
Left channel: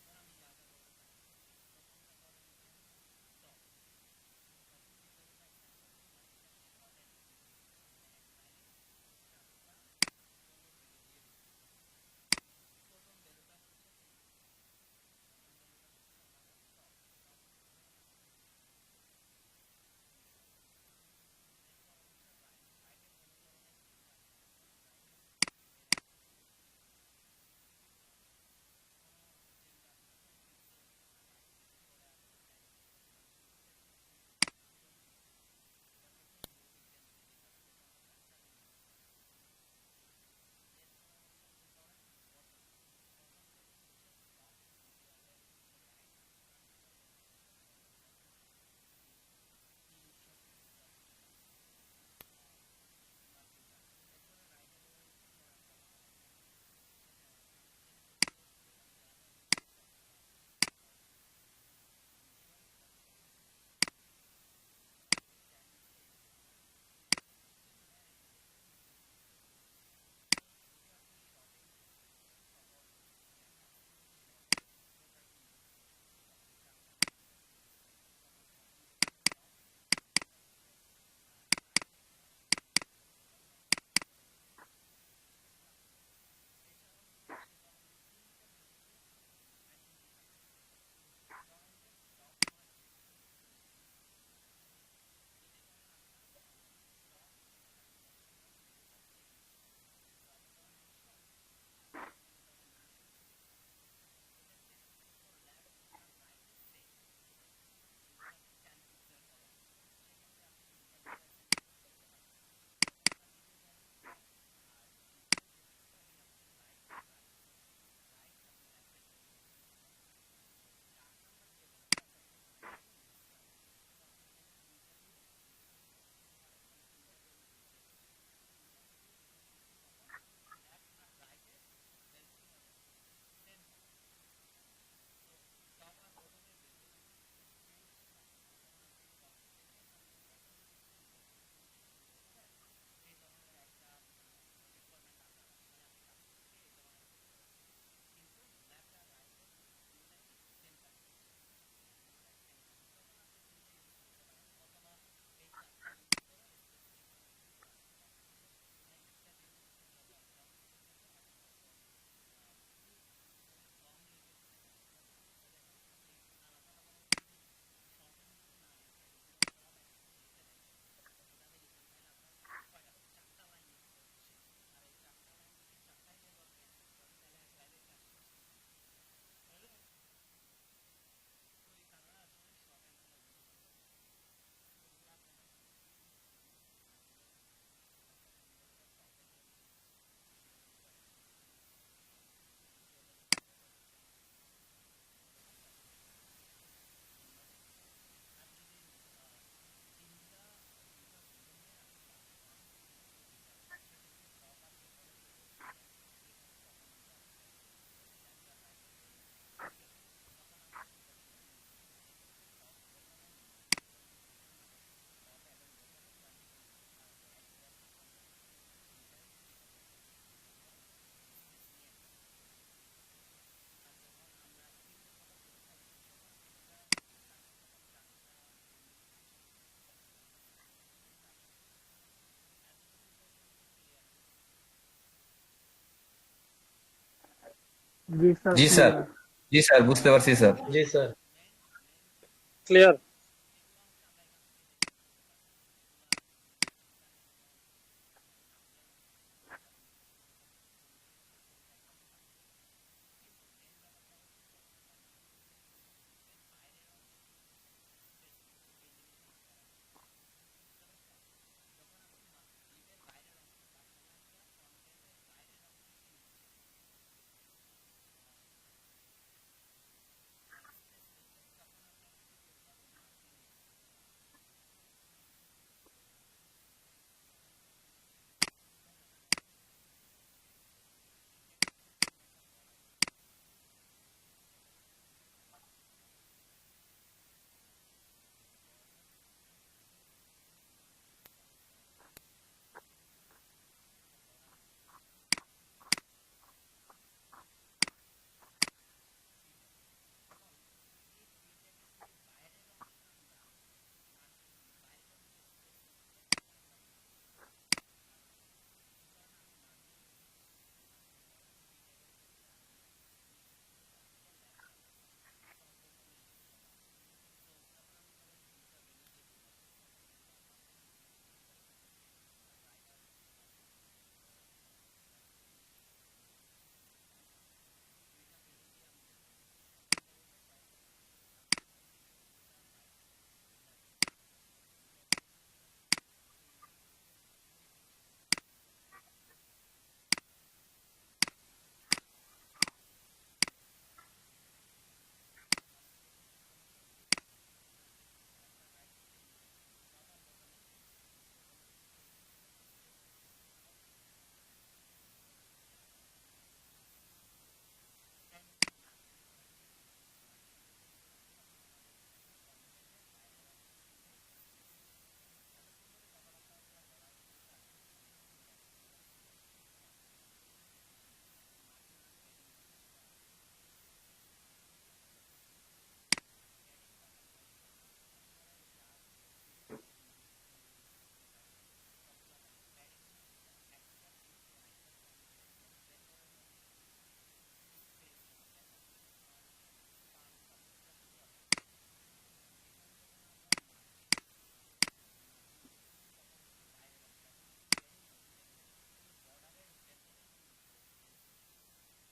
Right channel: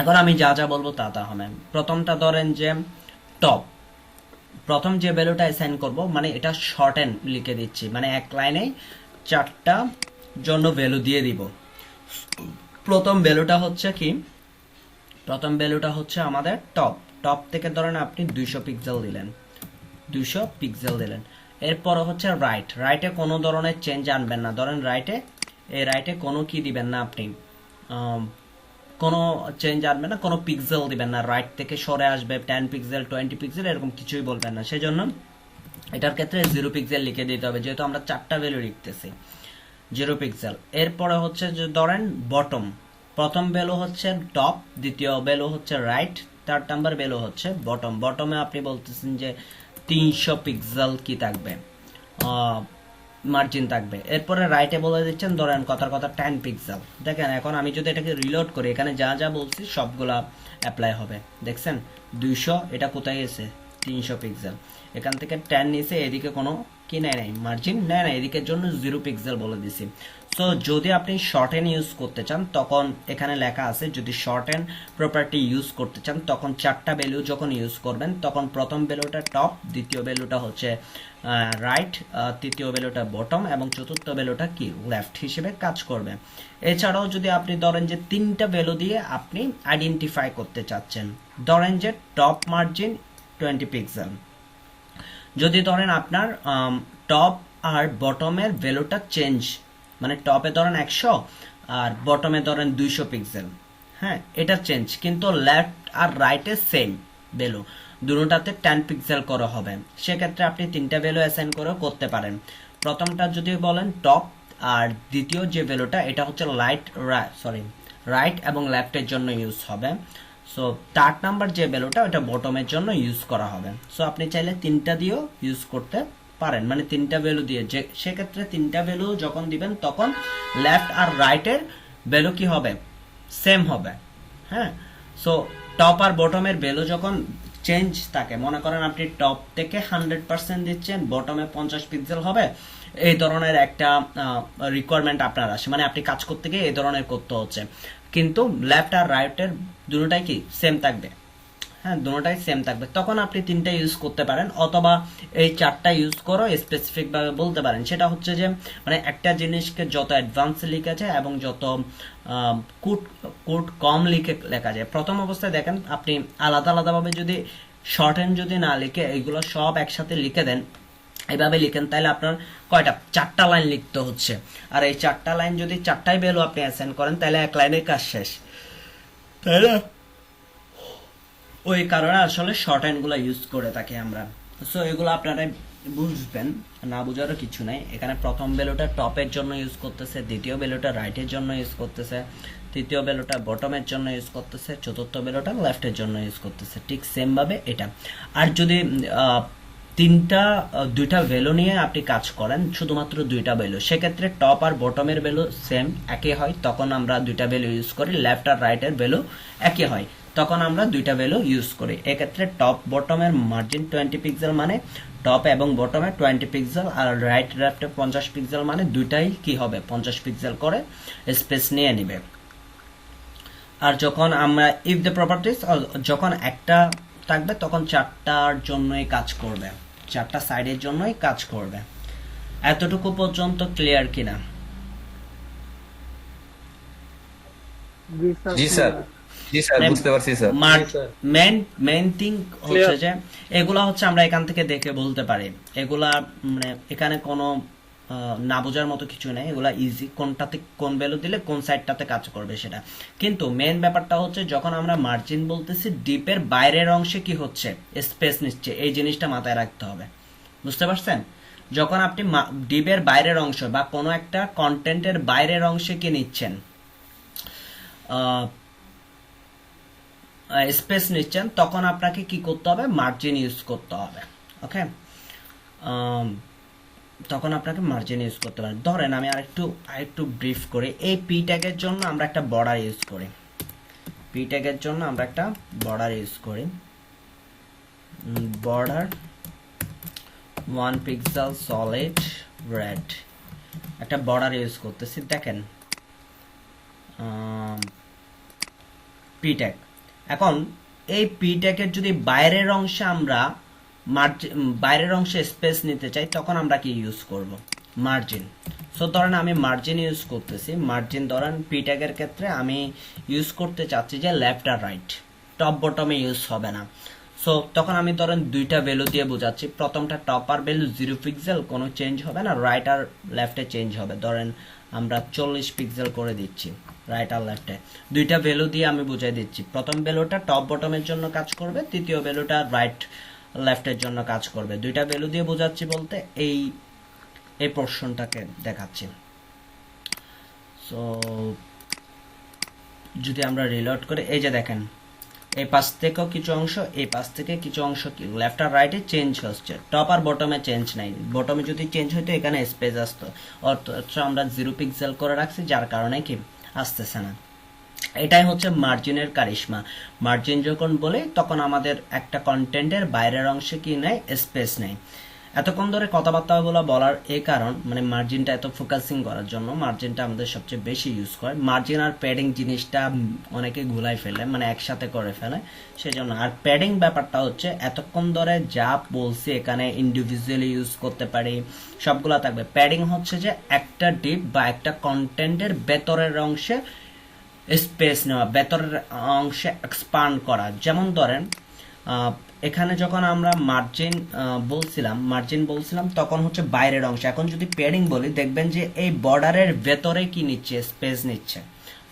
এখন আমি যা যা বলবো তা তা হবে। প্রথমটা ধরেন যে টপ, প্রথম যে ভ্যালুটা অ্যাসাইন করব, মানে এটা শর্ট এন্ড লিখে দিচ্ছি, মানে এক লাইনে 4টা জন্য ভ্যালু দিয়ে দিব। প্রথম ভ্যালুটা হচ্ছে কি, প্রথম ভ্যালুটা হচ্ছে আমাদের টপ, টপ থেকে ধরেন আপনি 200 পিক্সেল দিলেন, 200 পিক্সেল দিলেন। এরপর হচ্ছে রাইট, রাইটে কোনো ধরনের চেঞ্জ আনবেন না, ধরেন রাইটে, এই রাইটে কোনো কি দিবেন না আপনি, কোনো চেঞ্জ আনবেন না, কোনো পিক্সেল দিবেন না, রাইট থেকে সরে আসবে 10 পিক্সেল, 20 পিক্সেল, এরকম কিছুই বলবেন না। সেজন্য এটার ক্ষেত্রে 0 পিক্সেল লিখে দিতে হবে, যেহেতু আমরা 4টা ভ্যালু লিখতেছি, 0 পিক্সেল। এরপরে হচ্ছে যে ধরেন বটম, প্রথম ভ্যালু হচ্ছে টপ, দ্বিতীয় ভ্যালু হচ্ছে রাইট, 3rd নাম্বার ভ্যালু হচ্ছে বটম। বটমে আপনি বলতেছেন যে 300 পিক্সেল কি থাকবে, মার্জিন থাকবে। এরপরে রাইটে বলে দিচ্ছেন ধরেন কথার কথা 10 পিক্সেল। দেখেন এখন আমি যদি এটাকে রিলোড করি, এখানে যা যা বলছি সবগুলা অ্যাপ্লাই হবে। দেখছেন 200, এটা কোথায় গেছে, 300 পিক্সেল, এখান থেকে 10 নিয়েছে, এদিকে কোনো কি নেয় নাই, মার্জিন নেয় না, এদিকের জন্য 0 পিক্সেল বলে দিছি। সো যদি আপনি শর্ট হ্যান্ড ইউজ করতে চান, তখন এখানে লেখা আছে, যদি শর্ট হ্যান্ড প্রপার্টি ইউজ করতে চান তখন 4টা ভ্যালু যখন ইউজ করবেন, তখন প্রথম ভ্যালুটা টপ, দ্বিতীয় ভ্যালুটা হচ্ছে রাইট, তৃতীয় ভ্যালুটা বটম এবং চতুর্থ ভ্যালুটা কি, লেফট হিসেবে কাজ করবে। এছাড়াও যদি আপনি ধরেন যে 3টা ভ্যালু দিয়ে আপনি আইডেন্টিফাই করতে চাচ্ছেন, ধরেন যে টপ মার্জিন 20 পিক্সেল, যদি ধরেন আপনার টপ আর বটমের ভ্যালুটা চেঞ্জ, মানে টপে ধরেন 100 আর বটমে ধরেন 200 পিক্সেল, হ্যাঁ এটা চেঞ্জ, কিন্তু লেফট আর রাইটে সেম ভ্যালু, দুটোটাতে 10 পিক্সেল করে হবে, সেক্ষেত্রে আপনি 3টা ভ্যালু অ্যাসাইন করে করতে পারেন। প্রথমটা যদি বলেন টপ, আর দ্বিতীয় যে ভ্যালুটা এটা হচ্ছে রাইট এবং লেফটের জন্য ইউজ হবে। সো 3rd নাম্বার যে ভ্যালুটা ওটা বটমের জন্য ইউজ করা হবে। সো আপনি চাইলে 3টা দিয়েও ইউজ করতে পারেন, মানে 3টা ভ্যালু দিয়ে, যে সেক্ষেত্রে 3টা ভ্যালু যখন দিবেন তখন লেফট আর রাইটের ভ্যালু কি হবে, সেম হবে। হ্যাঁ, সো টপ আর বটমের ভ্যালু যখন চেঞ্জ থাকে, মনে করেন আপনি টপ থেকে 100% দিচ্ছেন, বটমে 50 পিক্সেল হবে, এই ধরনের একটা রিকোয়ারমেন্ট আপনার আসে, মানে আপনি কাজ করতে গিয়ে এই ধরনের করতে হচ্ছে, কিন্তু লেফট আর রাইটের দুটোটাই কি সেম থাকবে। হ্যাঁ, দুটোটাই সেম থাকবে। তখন আপনি তিনটা ইউজ করতে পারেন, অথবা এই চারটা ইউজ করো স্পেসিফিক ভাবে বলতে পারেন। সেটা হচ্ছে যে মানে একটা জিনিসকে যত অ্যাডভান্স লিখা যায় এবং যত কোড কোড কম লেখা যায়। প্রথম অবস্থায় দেখেন আপনি আলাদা আলাদাভাবে যদি শর্ট হ্যান্ড যদি না লিখে এইগুলো সব একসাথে লিখে দেন, এভাবে লিখেন, তাহলে আপনার কয়টা, 4টা লাইন লিখতে হচ্ছে। আর এই 4টা লাইন যদি 4টাই ভ্যালু আপনি অ্যাসাইন করেন, তাহলে এক লাইনে কাজ শেষ, তাই না? ওই কারণে আসলে শর্ট হ্যান্ড গুলা ইউজ করে থাকি আমরা। সো এগুলো আপনারা বুঝবেন, না বুঝারও কিছু নাই। এখানে প্রথম ভ্যালুটা টপের জন্য ইউজ করতেছে, দ্বিতীয় ভ্যালুটা রাইটের জন্য ইউজ করতেছে, তৃতীয় ভ্যালুটা বটমের জন্য ইউজ করতেছে, চতুর্থ ভ্যালুটা লেফটের জন্য ইউজ করতেছে, ঠিক সেম ভাবে এটা। আর যদি দুইটা ভ্যালু নিয়ে আপনি কাজ করেন, শুধুমাত্র দুইটা ভ্যালু, সেক্ষেত্রে টপ আর বটমের ভ্যালু সেম একই হয়, তখন আমরা দুইটা ভ্যালু ইউজ করি। লেফট আর রাইটের ভ্যালু একই হয়, তখন আমরা দুইটা ভ্যালু ইউজ করি। এক্ষেত্রে টপ বটমের মার্জিন 20 পিক্সেল মানে টপ এবং বটমে 20 পিক্সেল, আর রাইট লেফটে 50 পিক্সেল মানে দুইটাই কি হবে 50 পিক্সেল করে স্পেস নিয়ে নিবে। আর যখন আমরা ইফ দ্য প্রপার্টিজ, যখন একটা থাকবে তখন 4টার জন্যই কাজ করবে, 4টা সাইডের জন্যই কাজ করবে। এতটুকু পর্যন্ত ক্লিয়ার কিনা? জি স্যার, জি স্যার, বুঝতে পারছি স্যার। মেইন থিং হচ্ছে যে এগুলা হচ্ছে আমরা এখান থেকে দেখে বলতে পারি। এগুলা মানে এখানে কোনো না বোঝার মতো কিছু নেই, এগুলা ইজি, কোনটাতে কোন ভ্যালু দিলে কোন সাইডটাতে কাজ করবে সেটা। কিন্তু মেইন ব্যাপারটা হচ্ছে যখন আমরা মার্জিন বলতেছি, ডিপের বাইরের অংশে কি হচ্ছে, স্পেস নিচ্ছে, এই জিনিসটা মাথায় রাখতে হবে। বুঝতে পারছেন? যখন আপনি ডিপের বাইরের অংশ বা কোনো একটা কন্টেন্টের বাইরের অংশে কি নিচ্ছেন, স্পেস নিচ্ছেন, তখন আপনাকে কি করতে হবে, মার্জিন ইউজ করতে হবে। ওকে, তখন আপনাকে মার্জিন ইউজ করতে হবে। ধরেন আমি আরেকটু ব্রিফ করি। এই পি ট্যাগের জন্য আমরা একটা বর্ডার ইউজ করি, পি ট্যাগের জন্য আমরা একটা বর্ডার ইউজ করি, বর্ডার 1 পিক্সেল সলিড রেড, একটা বর্ডার ইউজ করতেছি। দেখেন পি ট্যাগ। এখন এই পি ট্যাগের যদি বাইরের অংশে আমরা বাইরের অংশে স্পেস নিতে চাই, তখন আমরা কি ইউজ করব, মার্জিন। সো ধরেন আমি মার্জিন ইউজ করতেছি, মার্জিন ধরেন পি ট্যাগের ক্ষেত্রে আমি ইউজ করতে চাচ্ছি যে লেফট আর রাইট, টপ বটমে ইউজ হবে না। সো তখন আমি ধরেন দুইটা ভ্যালু দিয়ে বোঝাচ্ছি। প্রথমটা টপ আর ভ্যালু 0 পিক্সেল, কোনো চেঞ্জ হবে না, রাইট আর লেফটে চেঞ্জ হবে। ধরেন আমরা 40 পিক্সেল করে দিচ্ছি রাইট আর লেফটে। দুইটা ভ্যালু দিয়ে আমি বুঝাই দিচ্ছি, প্রথম ভ্যালুটা টপ বটমের জন্য কাজ করবে, তৃতীয় ভ্যালুটা রাইট লেফটের জন্য কাজ করবে। দুইটা ভ্যালু দিয়ে বোঝাচ্ছি বলতে এই পোর্শনটাকে দেখাচ্ছি। সো যদি আমরা রিলোড করে, এই যে দেখেন এই পাশ থেকেও কিছু অংশ, এই পাশ থেকে কিছু অংশ কি লেফট আর রাইটে চেঞ্জ হচ্ছে, টপ আর বটমে চেঞ্জ নাই। বটমে যদি চেঞ্জ হইতো এখানে স্পেস আসতো, অথচ আমরা 0 পিক্সেল করে রাখছি, যার কারণে কি আসতেছে না। এটাই হচ্ছে মার্জিনের কারিশমা। মার্জিন যখন বলে তখন আমাদের একটা কন্টেন্টের বাইরের অংশে কি নেয়, স্পেস নেয়। এতক্ষণ ধরে কথাবার্তাগুলো বলার এই কারণ, মানে মার্জিনটা এত ফোকাসিং করার জন্য মার্জিনটা আমাদের সবচেয়ে বেশি ইউজ করে। মার্জিন আর প্যাডিং জিনিসটা অনেকে গুলাই ফেলে, মানে একসাথে করে ফেলে, সেজন্য। আর প্যাডিং ব্যাপারটা হচ্ছে এতক্ষণ ধরে যা বলছি এখানে ইন্ডিভিজুয়ালি ইউজ করতে পারি, সবগুলা থাকবে। প্যাডিং হচ্ছে যে একটা ডিপ বা একটা কন্টেন্টের ভেতরের অংশে স্পেস নেওয়া, ভেতরের অংশে এক্সপান্ড করা। যেমন ধরেন এখানে যখন আমরা মার্জিন বলছিলাম তখন হচ্ছে বাইরের অংশ। এখন যদি প্যাডিং বলি, দেখবেন যে এই বর্ডারের ভেতরে কি নিচ্ছে, স্পেস নিচ্ছে,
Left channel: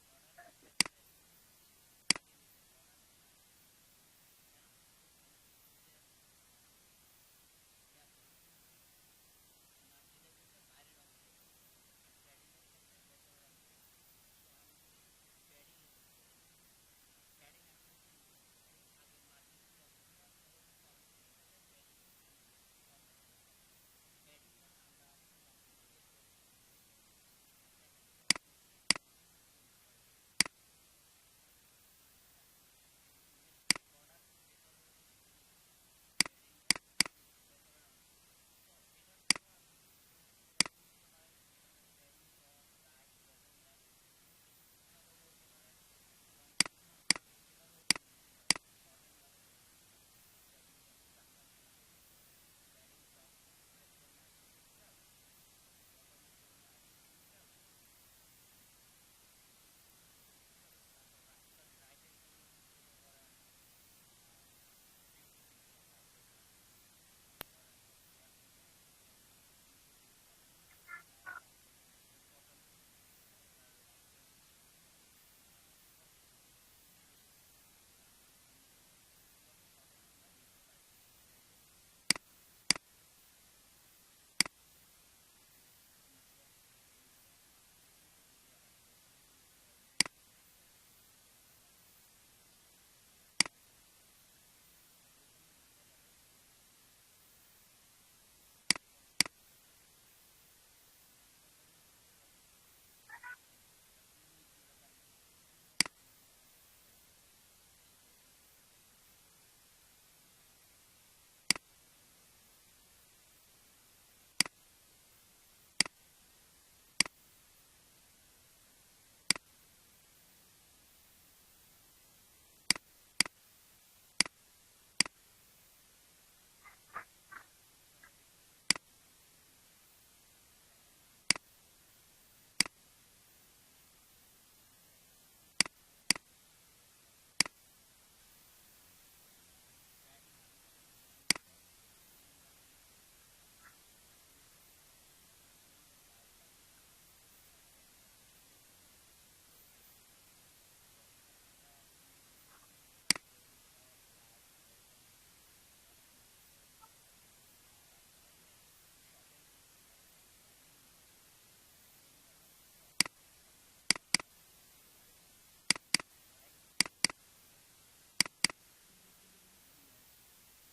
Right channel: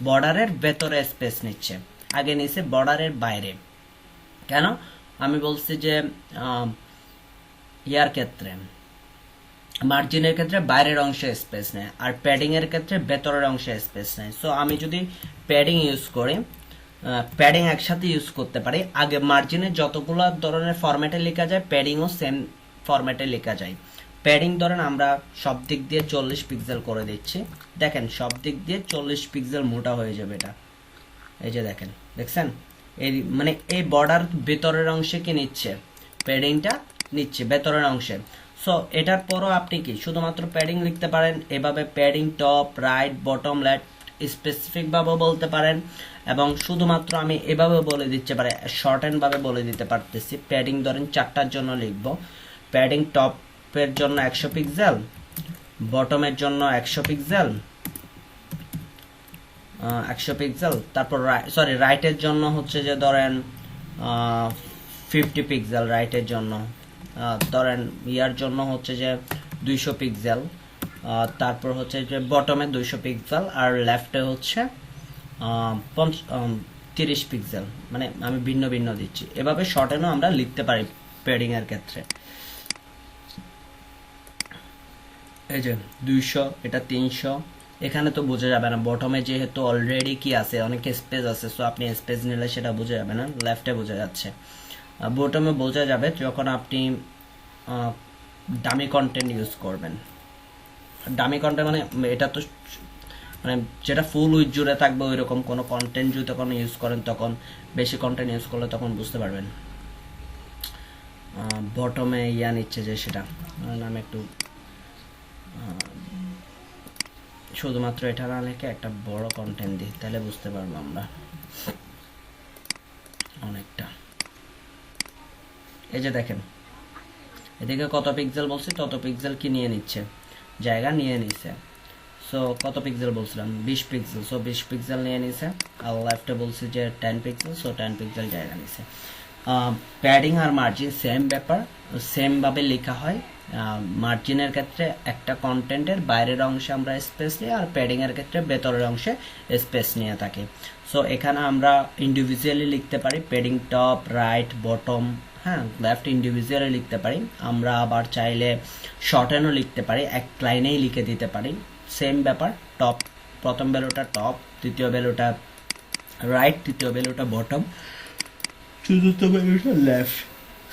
বর্ডারের ভেতরে স্পেস নিচ্ছে, আগে নিচ্ছে বর্ডারের বাইরে। কেন আমি বলছি যে ইয়ার ক্ষেত্রে, মার্জিনের ক্ষেত্রে বাইরের অংশে স্পেস নেয়, আর প্যাডিং এর ক্ষেত্রে ভেতরের অংশে স্পেস নেয়। সো আমি যদি প্যাডিং ইউজ করি, প্যাডিং একসাথে ইউজ করতে পারি। আগে মার্জিনে যতগুলো ধরনের ফরম্যাটে লেখা যায়, প্যাডিংও সেম ফরম্যাটে লেখা যায়। প্যাডিং ধরেন আমরা সব দিক দিয়ে 40 পিক্সেল করে দিচ্ছি, দেখেন সব দিক দিয়ে 40 পিক্সেল মোটা হয়ে যাবে এটা। এই যে দেখছেন এই মানে এই বর্ডার ভেতরের অংশে কি নিচ্ছে, প্যাডিংটা নিচ্ছে ভেতরের অংশে। সো এটার পরও আপনি কি শুধুমাত্র প্যাডিং লিখতে পারেন, এভাবে padding top right bottom left specific ভাবে বলতে পারেন, এবং শুধুমাত্র আমি এভাবে বলে দিতে পারি, শর্ট হ্যান্ড ভাবে বলে দিতে পারতেছি। প্যাডিং ধরেন 4টার জন্য লিখবো, প্যাডিং টপের জন্য 100 পিক্সেল, বটমের জন্য 100 পিক্সেল, 100 পিক্সেল, তারপর সরি রাইটের জন্য হচ্ছে যে ধরেন 50 পিক্সেল রাইটের জন্য, ধরেন ইয়ার জন্য হচ্ছে যে 200 পিক্সেল, তারপর হচ্ছে যে বটমে 200 পিক্সেল, আর লেফটে হচ্ছে 30 পিক্সেল। মানে আমি ভিন্ন ভিন্ন দিচ্ছি, এভাবে শর্টেনও আমরা লিখতে পারি প্যাডিং এর ক্ষেত্রে। এই যে 200, এটা 300, এখানে তো বোঝা যাবে না, বটমে যেহেতু অলরেডি কি আছে, অনেক স্পেস আছে, সো আপনি স্পেস নিলে সেটা বোঝা যাবে না, লেফটে বোঝা যাচ্ছে। বটমে বোঝা যাবে যখন আপনি ডামি কন্টেন্ট ইউজ করবেন। ডামি কন্টেন্ট মানে এটা তো মানে যেটা ফুল উইথ জুড়ে থাকবে ওই রকম কোনো কন্টেন্ট যদি তখন ইউজ করেন, তখন বেশি কন্টেন্ট ইউজ করলে তখন বুঝতে পারবেন। বটমে ইয়া নিচ্ছে যে সেটা, আমি একটু শুধুমাত্র এটা না লিখে একটা বড় কন্টেন্ট দিই, তাহলে বুঝতে পারবো আমরা অনেকটা। এই যে দেখেন এদিকে কত পিক্সেল বলছি, তত পিক্সেল কি নিয়ে নিচ্ছে, জায়গা নিয়ে নিচ্ছে। সো কত পিক্সেল বলছিলাম, 20 পিক্সেল, সো 20 পিক্সেল নিয়ে নিছে। আর লেফটে বলছি যে 10 পিক্সেল, সো 10 পিক্সেল জায়গা নিছে। প্যাডিং আর মার্জিন সেম ব্যাপার, সেম ভাবে লেখা হয়। মার্জিনের ক্ষেত্রে একটা কন্টেন্টের বাইরের অংশে আমরা স্পেস নিই, আর প্যাডিং এর ক্ষেত্রে ভেতরের অংশে স্পেস নিয়ে থাকি। সো এখানে আমরা ইন্ডিভিজুয়ালি লিখতে পারি প্যাডিং টপ, রাইট, বটম, হ্যাঁ, লেফট ইন্ডিভিজুয়ালি লিখতে পারি। আমরা আবার চাইলে শর্টেনও লিখতে পারি, এক লাইনেই লিখে দিতে পারি। সেম ব্যাপার, টপ প্রথম ভ্যালুটা টপ, দ্বিতীয় ভ্যালুটা রাইট, তৃতীয় ভ্যালুটা বটম, চতুর্থ ভ্যালুটা লেফট।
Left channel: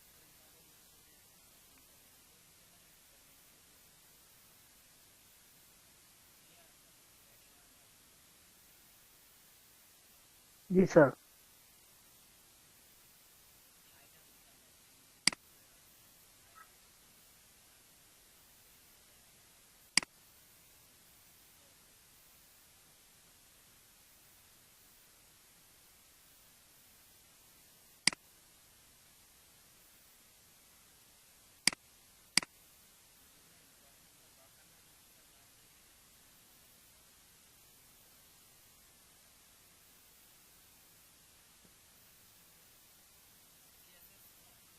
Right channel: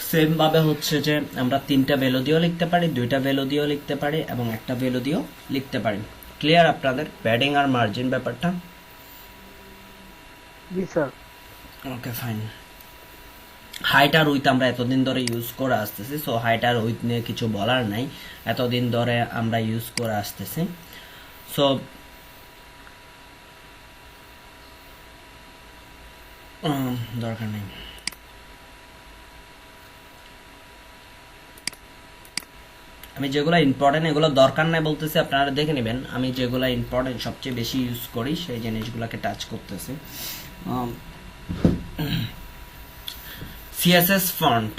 সেম ভাবে হচ্ছে যে আমরা 3টা ভ্যালু দিয়েও লিখতে পারি, 2টা ভ্যালু দিয়েও লিখতে পারি, এবং একটা ভ্যালু দিয়েও লিখতে পারি। ক্লিয়ার আপনাদের প্যাডিং আর মার্জিন ব্যাপারটা? Ji sir. Okay fine. Height আর উইথ আমরা এতদিন ধরে ইউজ করে আসতেছি, সো হাইট আর উইথ নিয়ে কিছু বলার নাই, এতদিন ধরে আমরা ইউজ করে আসতেছি। সো দরকার নেই। আমি যেগুলো ইম্পর্টেন্ট এগুলো দরকার নাই বলতেছি, আপনারা দেখে নেবেন। আমি যেগুলো ইম্পর্টেন্ট সবচেয়ে বেশি ইউজ করি সেই জিনিসগুলোকে টাচ করতেছি। সিএসএস ফন্ট,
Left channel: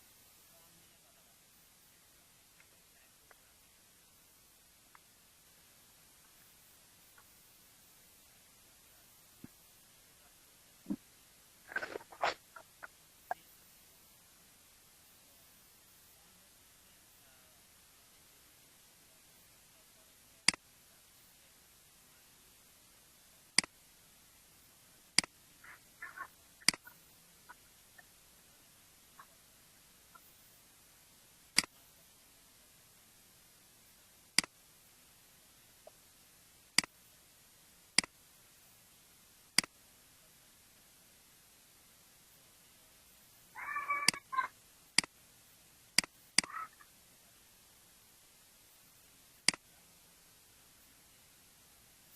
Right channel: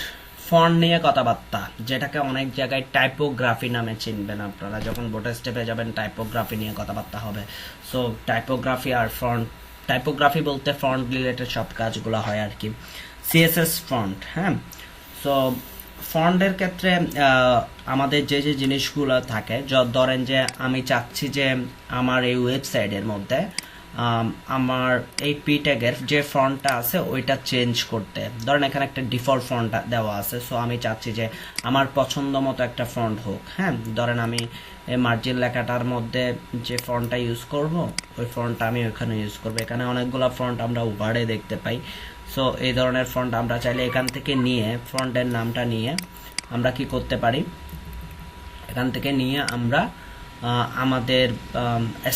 ফন্ট নিয়ে কথাবার্তা, যেটাকে অনেক জায়গায় টাইপোগ্রাফি নামে চিনবেন আপনারা। যখন বোটার স্টেপে যাবেন টাইপোগ্রাফি নিয়ে কথাবার্তা হবে। সো টাইপোগ্রাফি আর ফন্ট, টাইপোগ্রাফি বলতে ফন্ট রিলেটেড সব কাজগুলো হয় আর কি। সিএসএস ফন্ট, হ্যাঁ। সো ফন্টের ক্ষেত্রে আমাদের যে যে জিনিসগুলো থাকে, ধরেন যে আমি চাচ্ছি যে আমার এই ওয়েবসাইটের মধ্যে আমার এই পি ট্যাগের যে ফন্টটা আছে ওইটা চেঞ্জ করতে। ধরেন এখানে একটা ডিফল্ট ফন্ট দেওয়া আছে, সো আমি চাচ্ছি যে আমার পছন্দ মতো একটা ফন্ট হোক, হ্যাঁ। ধরেন আমি এই মার্জিন লেখাটার মধ্যে যে ফন্টটা ইউজ করব, ওই ফন্টটা আমি ওইখানে ইউজ করবো। এখানে অনেকগুলো ফন্ট আমরা ওভারে দেখতে পাই। সো এই ধরনের ফন্ট আমরা চাইলে এখান থেকে নিয়ে, ফন্টের নামটা নিয়ে আমরা কি করতে পারি, এখান থেকে নিয়ে আমরা আমাদের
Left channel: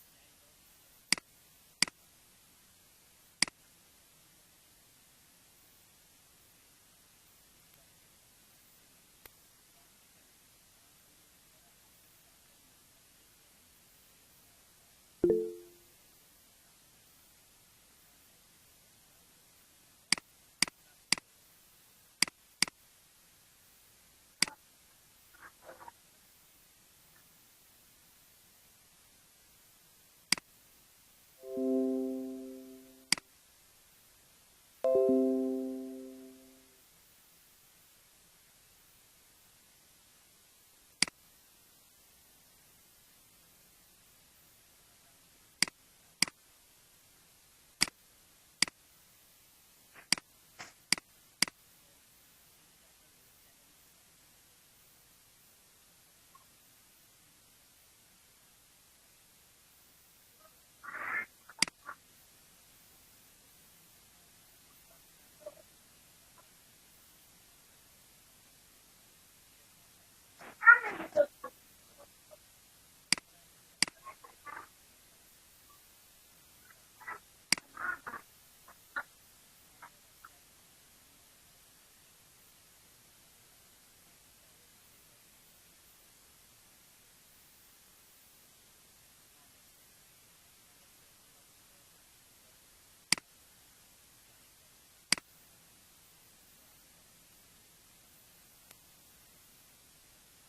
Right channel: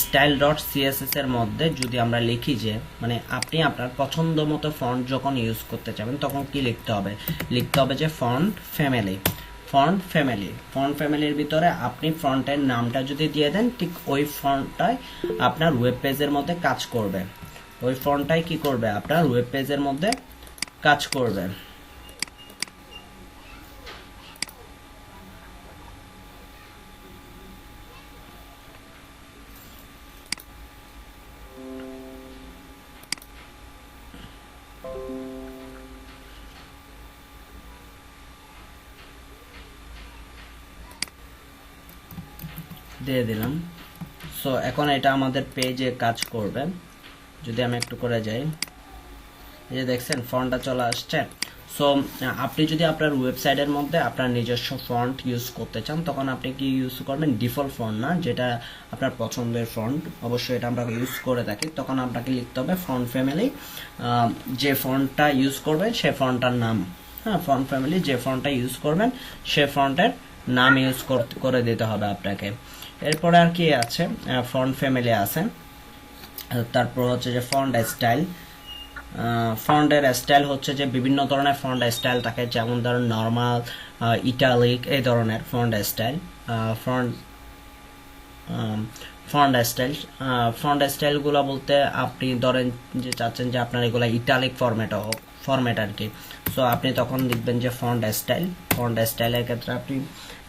স্টাইল ডট সিএসএস এর মধ্যে যদি আমরা লিখি যে, মানে আপনি আপনার পছন্দ মতো ফন্ট যখন ইউজ করতে চাবেন তখন কি লিখতে হবে, লিখতে হবে যে font family. Font family, font ফ্যামিলির ভিতরে আপনি ফন্টের নামটা যদি দিয়ে দেন, ঠিক ওই ফন্টটাই আপনার ওয়েব পেজের মধ্যে কাজ করবে। ওই ফন্টটাই কি করবে, আপনার ওয়েব পেজের মধ্যে কাজ করবে। দিয়ে দিলাম। সো এখন এটা আমাদের পেজে কাজ করবে। যদি আমি একটু করে যাই, এই যে দেখছেন ফন্টটা চলে আসছে। সো আপনি যদি আপনার ওয়েবসাইটের মধ্যে আপনার নিজস্ব ফন্ট ইউজ করতে চান, তখন আপনি কি ইউজ করবেন, ডিফল্ট ফন্ট না, যেটা আপনার পছন্দের ফন্ট, অবশ্যই এটা আমরা ইউজ করে থাকি। তখন আপনাকে লিখতে হবে ফন্ট ফ্যামিলি, যে ফন্টটা ইউজ করবেন সে ফন্টটার নাম, হ্যাঁ, ফন্ট ফ্যামিলি যে ফন্টটা ইউজ করবেন সে ফন্টের নাম ইউজ করে দিতে হবে আপনাকে। এরপরে আর কি আছে, ফন্ট ফ্যামিলি আছে। তারপর হচ্ছে যে ফন্ট স্টাইল। ফন্টের স্টাইল হচ্ছে যে বিভিন্ন ধরনের ফন্ট স্টাইল থাকে, যেমন ধরুন নর্মাল, ইটালিক, এই ধরনের ফন্ট স্টাইল। ফন্ট ফন্ট স্টাইলগুলো বলতে আপনি ধরেন যে চাচ্ছেন যে আপনার এগুলো ইটালিক ফরম্যাট আর কি। সো আপনি তখন লিখবেন যে ফন্ট স্টাইলের ক্ষেত্রে আপনি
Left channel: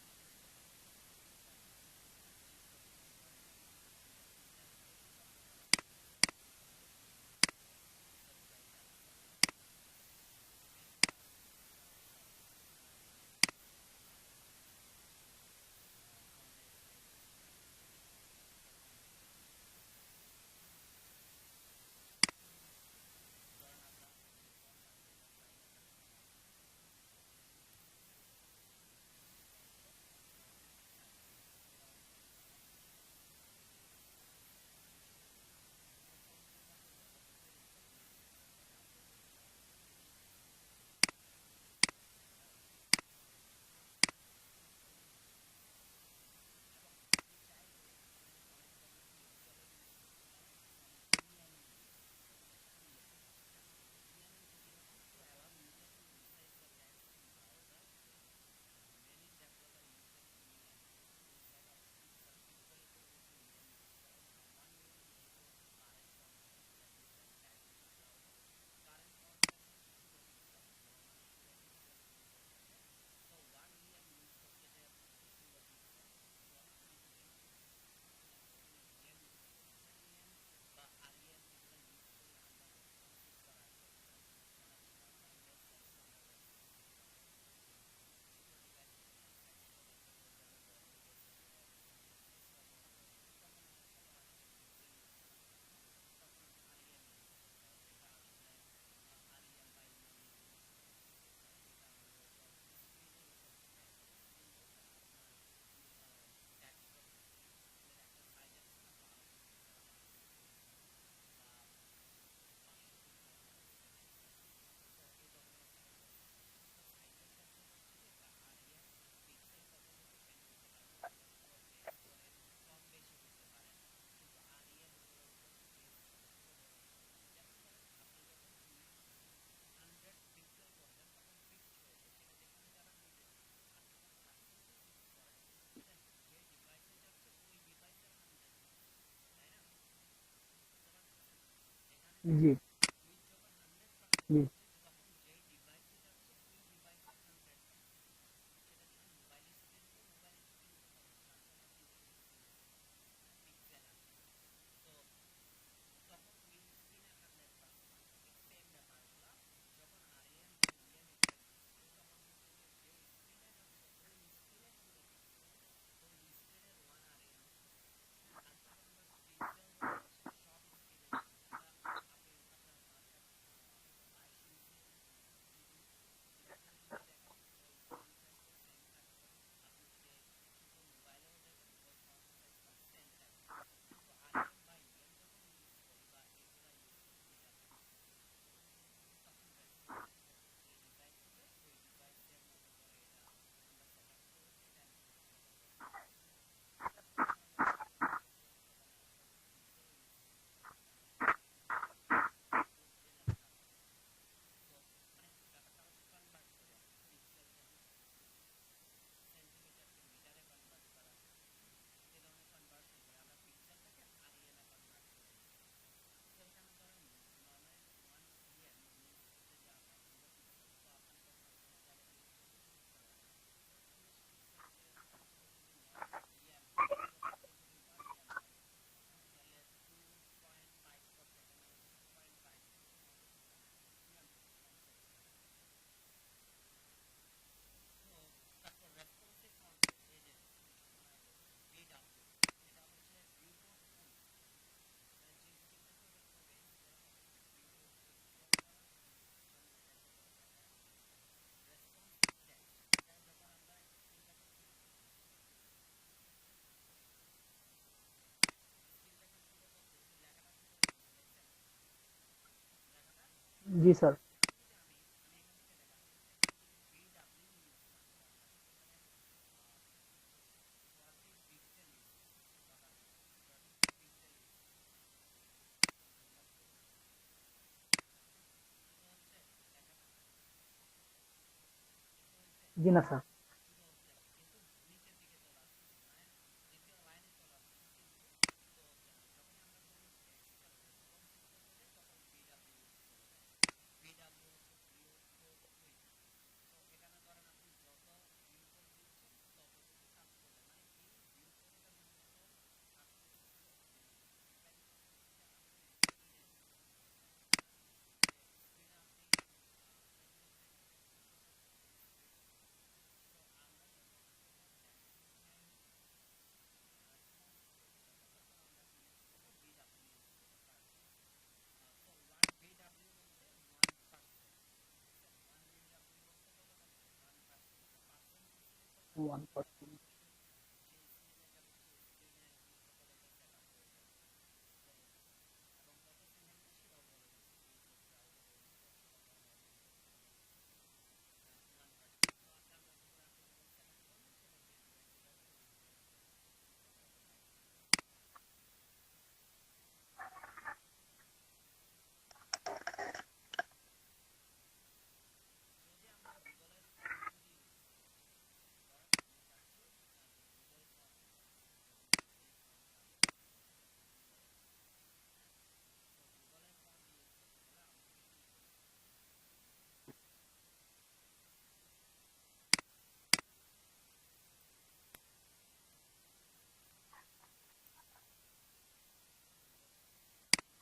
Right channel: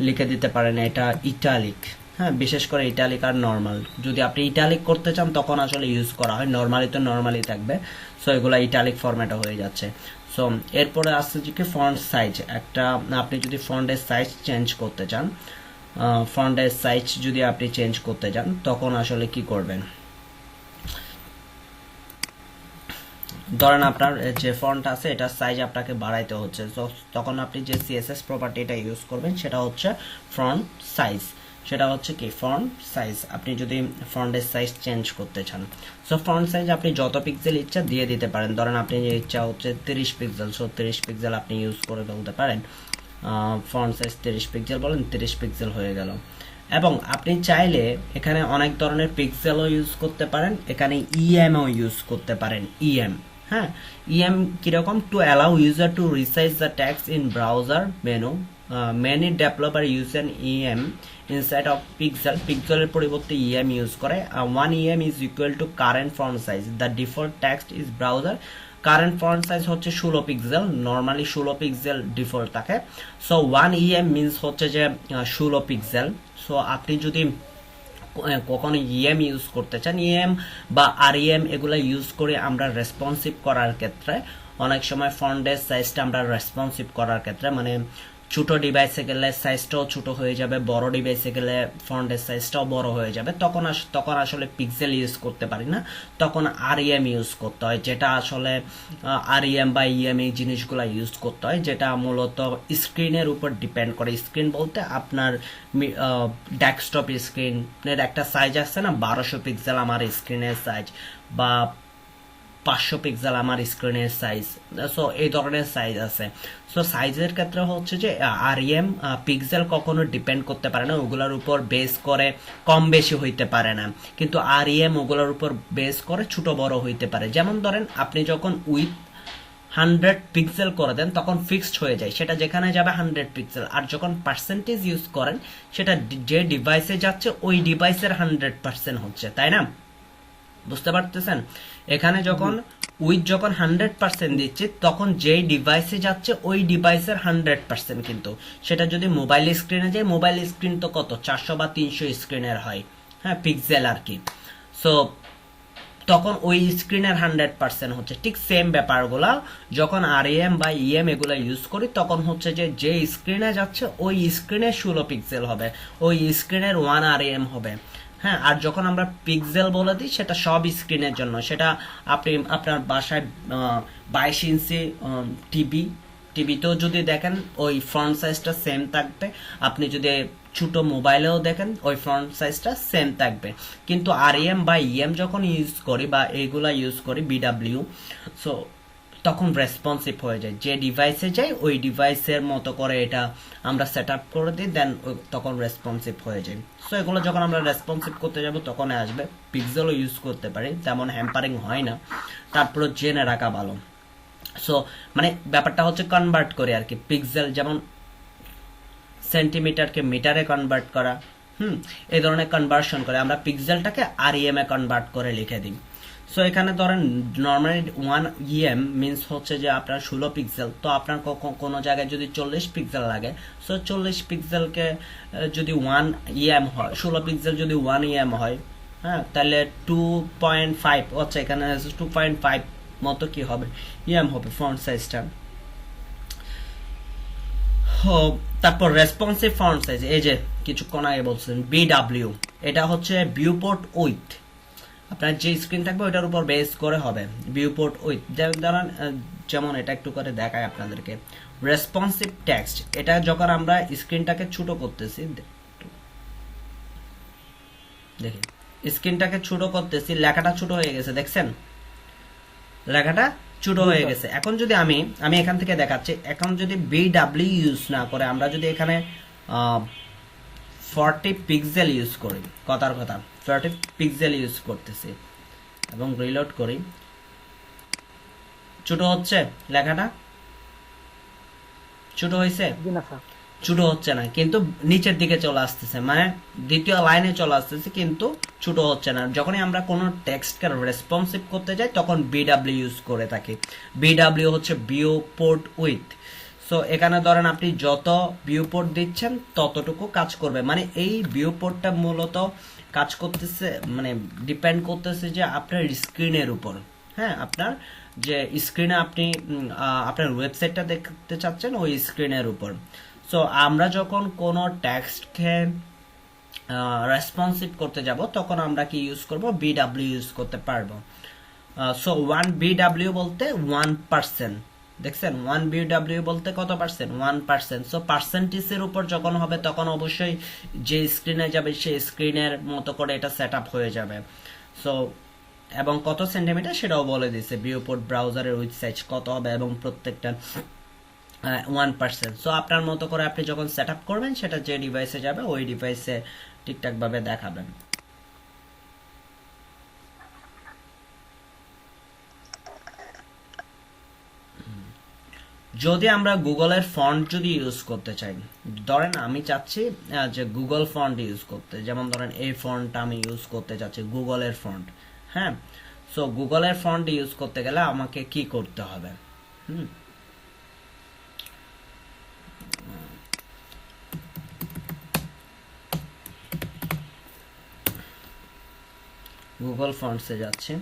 লিখে দিতে পারেন এটা ইটালিক। হ্যাঁ, বিশেষ করে ইটালিক আর নর্মাল। যদি আপনি ইটালিক করতে চান তখন আসলে ইউজ করা হয়, নর্মালি তো নর্মালি থাকবে। সো এগুলো ইটালিক ফরম্যাটে হয়ে যাচ্ছে। সো এরপরে আসছে যে কি ফন্ট সাইজ। একটা আপনি যদি ফন্টের সাইজ চেঞ্জ করতে চান, ফন্টের সাইজ যদি আপনি চেঞ্জ করতে চান তখন আসলে কি করবেন, ধরেন আপনার যে ফন্ট আছে এটার সাইজ আপনাকে বাড়াইতে হচ্ছে, তো তখন আপনি যে সিএসএস প্রপার্টিটা ইউজ করবেন সেটা হচ্ছে ফন্ট সাইজ। সেটা হচ্ছে কি ফন্ট সাইজ, আপনি যদি ফন্টের সাইজ চেঞ্জ করতে চান। সো ফন্ট সাইজ আপনি যত পিক্সেল ইচ্ছা দিয়ে দিতে পারেন। ধরেন আপনি যে ইচ্ছা হচ্ছে 30 পিক্সেল, সো 30 পিক্সেল আপনি ইউজ করে ফেলতে পারেন। ফন্ট সাইজ 30 পিক্সেল বলেন, 30 পিক্সেল হয়ে গেল। এবং আপনি চাইলে এখানে অনেক ধরনের পিক্সেলও ইউজ করতে পারেন, এখানে ইএমও ইউজ করতে পারেন। ইএম, হ্যাঁ, ইএম কিরকম, to allow user to resize the text in browser menu. Many developer use an em inside of পিক্সেলের পরিবর্তে ইএম ইউজ করে। 1 em is equal to current font size, the default text is browser. Current font size হচ্ছে 16 pixel, normally 16 pixel default থাকে। So 1 em means হচ্ছে যে 16 pixel. So আপনি যদি কখনো ইএম ইউজ করতে চান, ইএম বা আরইএম এগুলো ইউজ করে আমরা রেসপন্সিভ করার ক্ষেত্রে অনেক সময় ফন্টের সাইজটা আমরা রেসপন্সিভ করার ক্ষেত্রে, মানে ছোট ডিভাইসে গেলে সাইজটাও ছোট হয়ে যাবে, বড় ডিভাইসে গেলে ফন্টের সাইজটাও বড় হয়ে যাবে, তখন আসলে পিক্সেল ইউজ করতে পারি না, তখন আরইএম ইউজ করতে হয়। যেটা আসলে আরইএম বা ইএম এই জিনিসগুলো ইউজ করতে হয়, যেটা মূলত স্ক্রিনের উপর ডিপেন্ড করে। স্ক্রিন বলতে আপনার ডেস্কটপ স্ক্রিনের একটা সাইজ আছে না, 1200 পিক্সেল আমার স্ক্রিনের সাইজ, বা 500 পিক্সেল আমার স্ক্রিনের সাইজ। সো এই ধরনের সাইজ আছে। সো সাইজের ক্ষেত্রে হচ্ছে যে আরইএম পিক্সেল কখনো ডিপেন্ড করতে পারে না, ওগুলোর উপর বেস করে কম বেশি হইতে পারে না, কিন্তু আরইএম ওগুলোর উপর বেস করে ছোট বড় হইতে পারে। যেমন ধরেন আপনি যখন উইথ 100 পিক্সেল করে দেন তখন ফিক্সড হয়ে যায়, সেটা যেখানে যাবে 100 পিক্সেল। আর যখন পার্সেন্টেজ ইউজ করেন সেটা যে ডিভাইসে যাচ্ছে ওই ডিভাইসের 100% হচ্ছে, তাই না? বুঝতে পারতেছেন? এখানে যখন যখন 100% দিচ্ছে তখন যেই ডিভাইসে যাচ্ছে ওই ডিভাইসের 100%, কিন্তু সেটা যদি মোবাইল স্ক্রিনে যায়, মোবাইল স্ক্রিন তো কত 400 বা 300 স্ক্রিনের হয়, হ্যাঁ, পিক্সেল আর কি। সো তখন ওই স্ক্রিনের 100% হচ্ছে। ঠিক সেম ব্যাপারগুলা যখন আরইএম বা ইএম এগুলো ইউজ করি তখন হচ্ছে যে স্ক্রিনে যাচ্ছে ওই স্ক্রিনে 16 পিক্সেল হবে, ওই স্ক্রিনের 1 আরইএম হবে। হ্যাঁ, আর যখন আমরা পিক্সেল বলে দিই সেটা সব স্ক্রিনের জন্য, সেটা আপনি আপনার বাসায় 22 ইঞ্চি টিভিতেও যদি দেখেন ওই ফ্রন্ট সাইজটা সেম থাকবে, আপনি যদি ছোট মোবাইলেও দেখেন ওই ফ্রন্ট সাইজটা সেম থাকবে। কিন্তু আরইএম বা ইএম যখন ইউজ করি বা এইগুলা ইউজ করি বিডাব্লিউ, সো তখন রেসপন্সিভ হয়ে যায়, যে ডিভাইসে যাই ওই ডিভাইসের মতো করে এটা আমরা সেট আপ করে দিই, দেন তখন রেসপন্সিভ হয়ে যায়। সো এগুলো যখন আমরা রেসপন্সিভ করতে যাব তখন আসবে। পিক্সেলও ইউজ করতে পারি, তেমন হ্যাম্পারিং হয় না, তারপরে জেনে রাখা ভালো। সো মানে ব্যাপারটা হচ্ছে কনভার্ট করে আর কি, পিক্সেল যেমন সেন্টিমিটারকে মিটারে কনভার্ট করা, এই ধরনের কনভার্সন করে আমরা পিক্সেলটাকে আরইএম এ কনভার্ট করে লিখে দিই। সো এখানে ধরেন নর্মালি 1 ইএম মিনস হচ্ছে যে আপনার 16 পিক্সেল, তো আপনার কোনো জায়গায় যদি 40 পিক্সেল লাগে, সো 40 পিক্সেলকে যদি 1 ইএম হয়, 16 পিক্সেল যদি 1 ইএম হয়, হ্যাঁ, তাহলে 2.5 হচ্ছে, এখানে 2.5 মতো কি হবে ইএম হবে ফন্ট সাইজটা। তারপর রেসপন্সিভ ফন্ট সাইজ, এই যে কিছুক্ষণ আগে বলছেন বিডাব্লিউ, এটা হচ্ছে ভিউপোর্ট উইথ, আপনার যে স্ক্রিন থাকবে ওইটার উপর বেস করে হবে ভিউপোর্ট উইথ। যেমন এটা একটু করে দেখায় আপনাদেরকে, রেসপন্সিভ টেক্সট, এটা যখন আমরা স্ক্রিনটাকে ছোট করতেছি, দেখি স্ক্রিনটাকে ছোট করতেছি, লেখাটা ছোট হয়ে গেছে, দেখছেন লেখাটা ছোট হয়ে গেছে। এখন যদি আমি এখান থেকে দেখাচ্ছি, এখন যদি বিডাব্লিউ ইউজ না করে আমরা যদি এখানে 40 পিক্সেল ইউজ করি, কথার কথা 40 পিক্সেল ইউজ করতেছি, এবং রিলোড করি, ছোট হচ্ছে লেখাটা, ছোট হয়েছে? জি না স্যার। ছোট হচ্ছে না, কিন্তু নিচের দিকে চলে আসতেছে, মানে দ্বিতীয় লাইনে চলে আসতেছে, কিন্তু ছোট হচ্ছে না। যখনই আমরা কোনো টেক্সটকে রেসপন্সিভ করতে যাই তখন বিডব্লিউ ইউজ করে থাকি। বিডব্লিউ হচ্ছে ভিউ পোর্ট উইথ। সো এখানে ধরেন আপনি যত ভিউ পোর্ট দিচ্ছেন ততটুকু কাজ করবে, মানে এই ভিউ পোর্টটা মূলত কাজ করতেছে, মানে ডিপেন্ড করতেছে যে আপনার স্ক্রিনের উপর। হ্যাঁ, আপনার যে স্ক্রিনে আপনি আপনার ওয়েবসাইটটা দেখতে চাচ্ছেন ওই স্ক্রিনের উপর। সো আমরা যখন কোনো টেক্সটকে রেসপন্সিভ করতে যাব তখন আমরা কি ইউজ করব? বিডব্লিউ ইউজ করতে পারবো। সো 1 বিডব্লিউ বলতে 1%, দেখছেন 1 বিডব্লিউ বলতে কত পার্সেন্ট? 1%। সো পার্সেন্টেজের উপর যখন হবে তখন অবশ্যই যে স্ক্রিনে যাবে সেই স্ক্রিনের মতো করে এটা সেট আপ হয়ে যাবে। সো এবং কত সেন্টিমিটার সেটাও বলে দিছে, ভিউপোর্ট ব্রাউজারের উইথ সাইজ কত হবে এবং প্রত্যেকটা 1%। সো আপনার মতো করে আপনি যখন সেট আপ করবেন সেটা যে ডিভাইসে যাবে ওই ডিভাইসে ঠিকঠাক ভাবে দেখাবেন। যদি আমরা গুগলের ফন্ট যদি ইউজ করতে চাই, ধরেন আমি চাচ্ছি যে গুগল ফন্ট ইউজ করতে, যেমন ধরেন এই ফন্টটা আমি ইউজ করতে চাচ্ছি, গুগলের ফন্ট। হ্যাঁ, সো গুগলের ফন্ট ইউজ করতে গেলে আমাকে কি করতে হবে? গুগল ফন্টসে যাচ্ছি,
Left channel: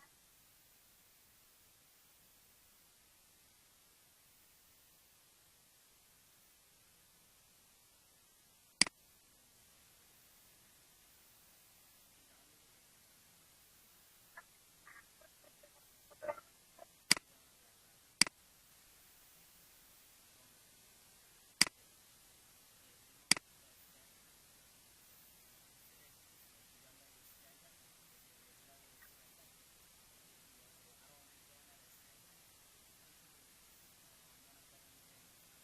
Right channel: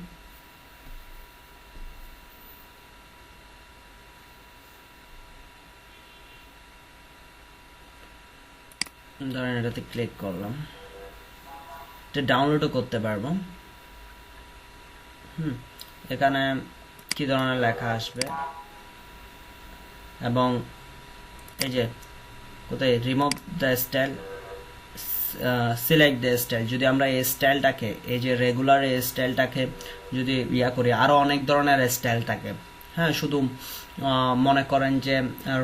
ধরেন এটাতে ক্লিক করলাম, এটা ডাউনলোডও করতে পারবো। এখানে কি ধরনের লেখা আসবে, এবং এই যে কোথায় remove the style, select the style, যদি আমরা এই স্টাইলটাকে, এই যে রেগুলার এই স্টাইলটাকে যদি ইয়া করি, আরো অনেক ধরনের স্টাইল থাকে। হ্যাঁ, শুধু মনে করেন যে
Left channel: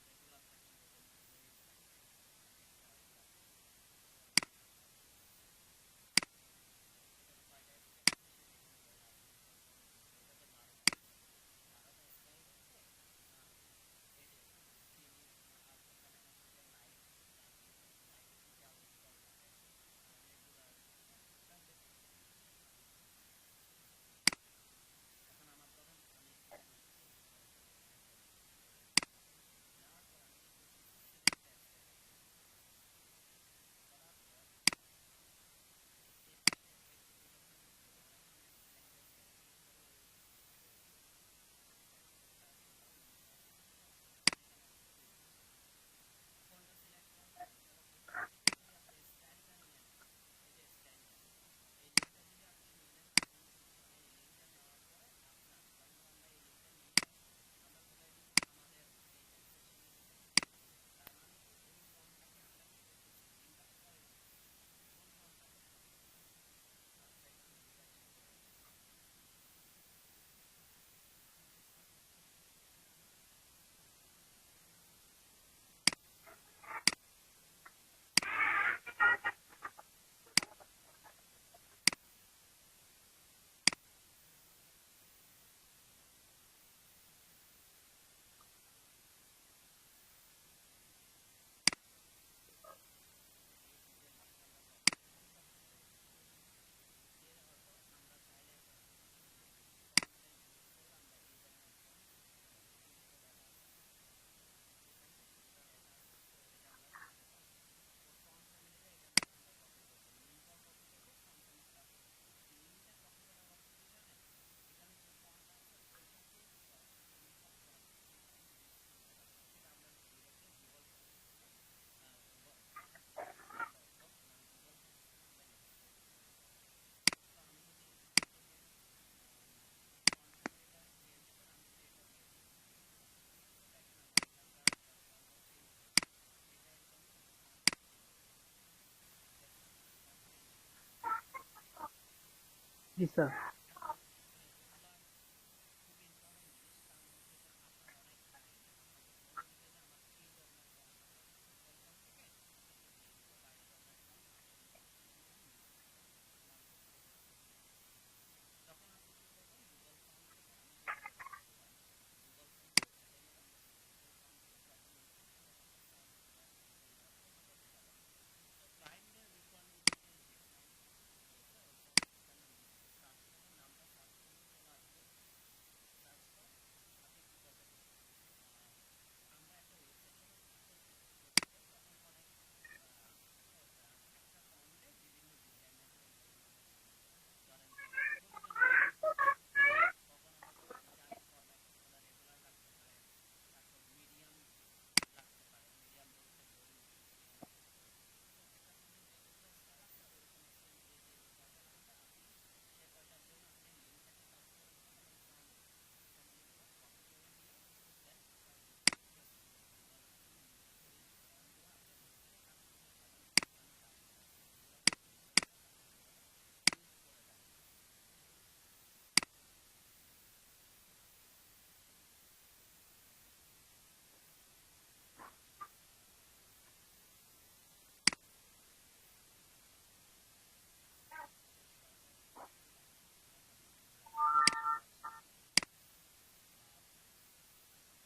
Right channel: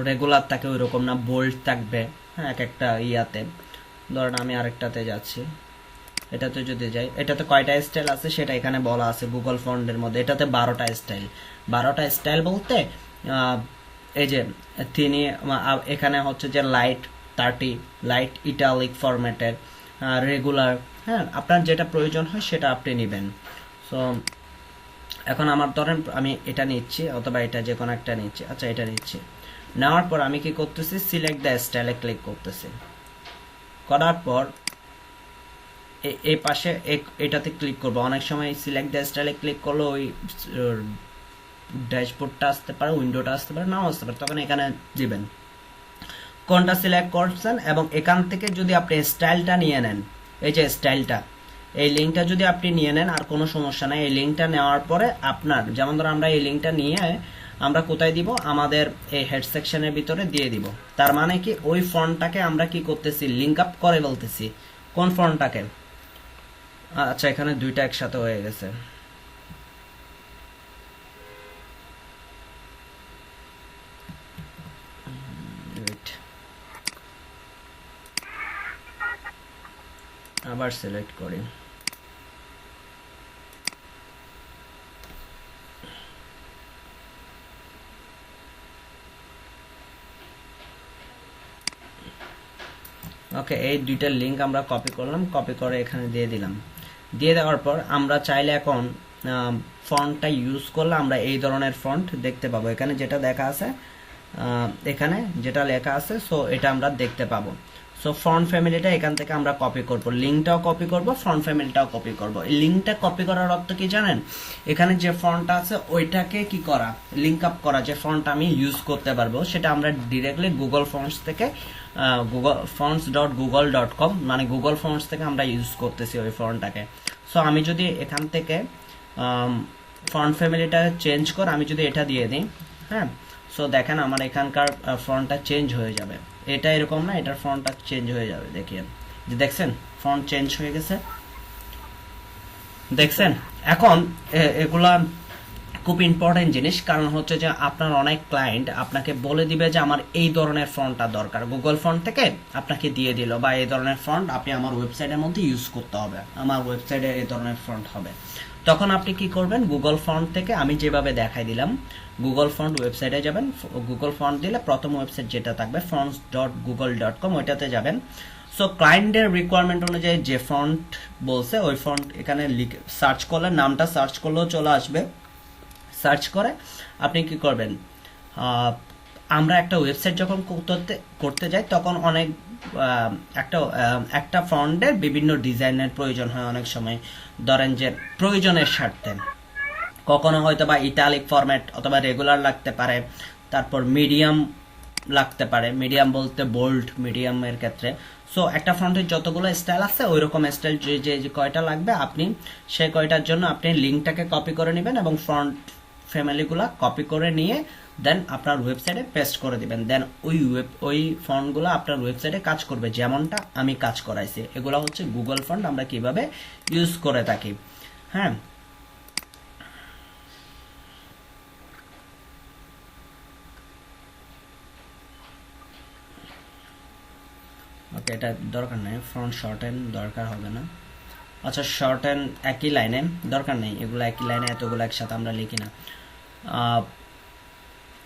রেগুলার থাকে ওই রকম না, বোল্ড থাকবে। হ্যাঁ, এক একটা ইয়াতে, ধরেন আমি আরেকটাতে যাচ্ছি, এটাতে যদি যাই, এটাতে কয়টা স্টাইল আছে সেটা এখানে বলা আছে গুগল ফন্টের মধ্যে। এটাতে 12টা স্টাইল। 12টা স্টাইল বলতে এই যে তিনি এখানে হচ্ছে যে লাইট 30, লাইট ইটালিক ফরম্যাটের, রেগুলার। হ্যাঁ, আপনার যেটা প্রয়োজন হয় সেটা আপনি নেবেন। সো এখন আমার ধরেন আমি এটা নিচ্ছি, অথবা এটা যে কোনো একটা নিচ্ছি। আচ্ছা, এটা নিচ্ছি, নেওয়ার পর আমি কি করতেছি? সিলেক্ট দ্য স্টাইলে ক্লিক করতেছি। করার পর এই পাশে এটাতে ক্লিক করব। অনেক সময় সিলেক্ট দ্য স্টাইলে ক্লিক করলে ওই ড্যাশবোর্ডটা আসতে পারে, উইন্ডোটা আসতে পারে, নাও আসতে পারে, তখন এখানে দিবেন কোনটা সিলেক্ট করছেন, এবং এখান থেকে যদি আপনি স্টাইলটা নিয়ে নেন, এই যে স্টাইলটা, এই লিঙ্কটা যদি আপনি নিয়ে নেন আর কোনো সমস্যা নাই। এই লিঙ্কটা নেওয়ার পরে আপনার, যেমন ধরো আমরা এই লিঙ্কটা নিয়ে আমরা কোথায় দিব? আমাদের এই হেড সেকশনের ভিতরে দিয়ে দিব। তার মানে কি ওই ফন্টটাকে আমরা কি করতেছি? লিঙ্ক আপ করে বলতেছি। কোন ফন্টটাকে? আচ্ছা, এখানে দুইটা একসাথে হয়ে গেছে। আবার সিলেক্ট করি। ওকে, এই দুইটা লিংক আমরা কপি করলাম, কপি করে এখানে দিয়ে দিলাম। দিয়ে দেওয়ার পর আমরা চাইলে এখন ফন্টটা ইউজ করলে আমরা এই ধরনের ফন্ট দেখতে পাবো। এখানে যেটা দেখা আছে, এখানে যেটা লেখা আছে, সো এটা আমরা দেখতে পাবো। সো ফন্ট ফ্যামিলিটা এখান থেকে আমরা কপি করব, লিঙ্কটাও কপি করব, ফন্ট ফ্যামিলিটাও কপি করব। এই লিঙ্কটা কপি করার অর্থ কি জানেন? এখানে যে ফন্টটা আছে ওইটাকে কি করা? লিঙ্ক আপ করা, যে ফন্ট আমি ইউজ করতে পারবো সেটা আমরা ডিরেক্টলি গুগল ফন্টস থেকে, গুগল fonts.google.com, মানে গুগল ফন্টস থেকে আমরা ইউজ করতেছি ওই ফন্টটাকে। সো আমি যদি এখান থেকে ফন্ট ফ্যামিলিটা চেঞ্জ করে আমি যদি এটা দিয়ে দিই, হ্যাঁ, সো দেখেন আমার এখানকার ফন্টটা চেঞ্জ হয়ে যাবে। এটা এরকম না, এটার ফন্টটা চেঞ্জ হয়ে যাবে। দেখেন, যে দেখছেন ফন্ট চেঞ্জ হয়ে গেছে, দেখছেন? এখন এগুলা খুব ইম্পর্টেন্ট জিনিস, কারণ হচ্ছে যে আপনার অনেক ক্লায়েন্ট আপনাকে বলে দিবে যে আমার এই ধরনের ফন্টটা দরকার, গুগল ফন্ট থেকে আপনাকে দিয়ে দিল, বা এই ধরনের ফন্ট আপনি আমার ওয়েবসাইটের মধ্যে ইউজ করতে হবে, আমার ওয়েবসাইটে এই ধরনের ফন্ট হবে। তখন আপনি কি করবেন, গুগল ফন্ট থেকে আমি যেভাবে দেখাই দিলাম, গুগল ফন্ট ওয়েবসাইটে যাবেন, গুগল ফন্ট দিলে প্রথম ওয়েবসাইট যেটা থাকবে fonts.google.com, ওইটাতে যাবেন। সো ক্লায়েন্টের রিকোয়ারমেন্ট অনুযায়ী যে ফন্ট বলছে ওই ফন্ট এখানে লিখে সার্চ করলে, নামটা সার্চ করলেও চলে আসবে। সার্চ করে আপনি কি করবেন, আমরা একটা ওয়েবসাইট যখন করতে যাই তখন অনেক একটা ফন্টের বিভিন্ন ডিজাইনের প্রয়োজন হয় অনেক সময়, ধরেন যে প্রয়োজনের স্বার্থে কখনো হয়তো বা ইটালিক ফরম্যাট অথবা রেগুলার লাগতে পারে, তারপর মিডিয়াম লাগতে পারে, মিডিয়াম বলতে বোল্ড মিডিয়ামের ক্ষেত্রে। সো একটা ফন্টের যতগুলো স্টাইল আছে ওই রকম স্টাইল যে কয়টা লাগবে আপনি সেই কয়টার জন্য আপনি লিঙ্কটাকে কপি করে নেবেন এবং ফন্ট ফ্যামিলিগুলো কপি করে নিয়ে দেন আপনার ওয়েবসাইটে পেস্ট করে দিবেন। দেন ওই ফন্টগুলো আপনার ওয়েবসাইটে কাজ করবে, যেমনটা আমি কাজ করাইছি। এগুলো হচ্ছে গুগল ফন্ট আমরা কিভাবে ইউজ করে থাকি। হ্যাঁ, ওকে, এটা দরকার নেই, ফ্রন্ট শর্ট এন্ড দরকার হবে না। আচ্ছা, শর্ট এন্ড একই লাইনে দরকার নেই, এগুলো একই লাইনে এতগুলো একসাথে আমরা লিখি না।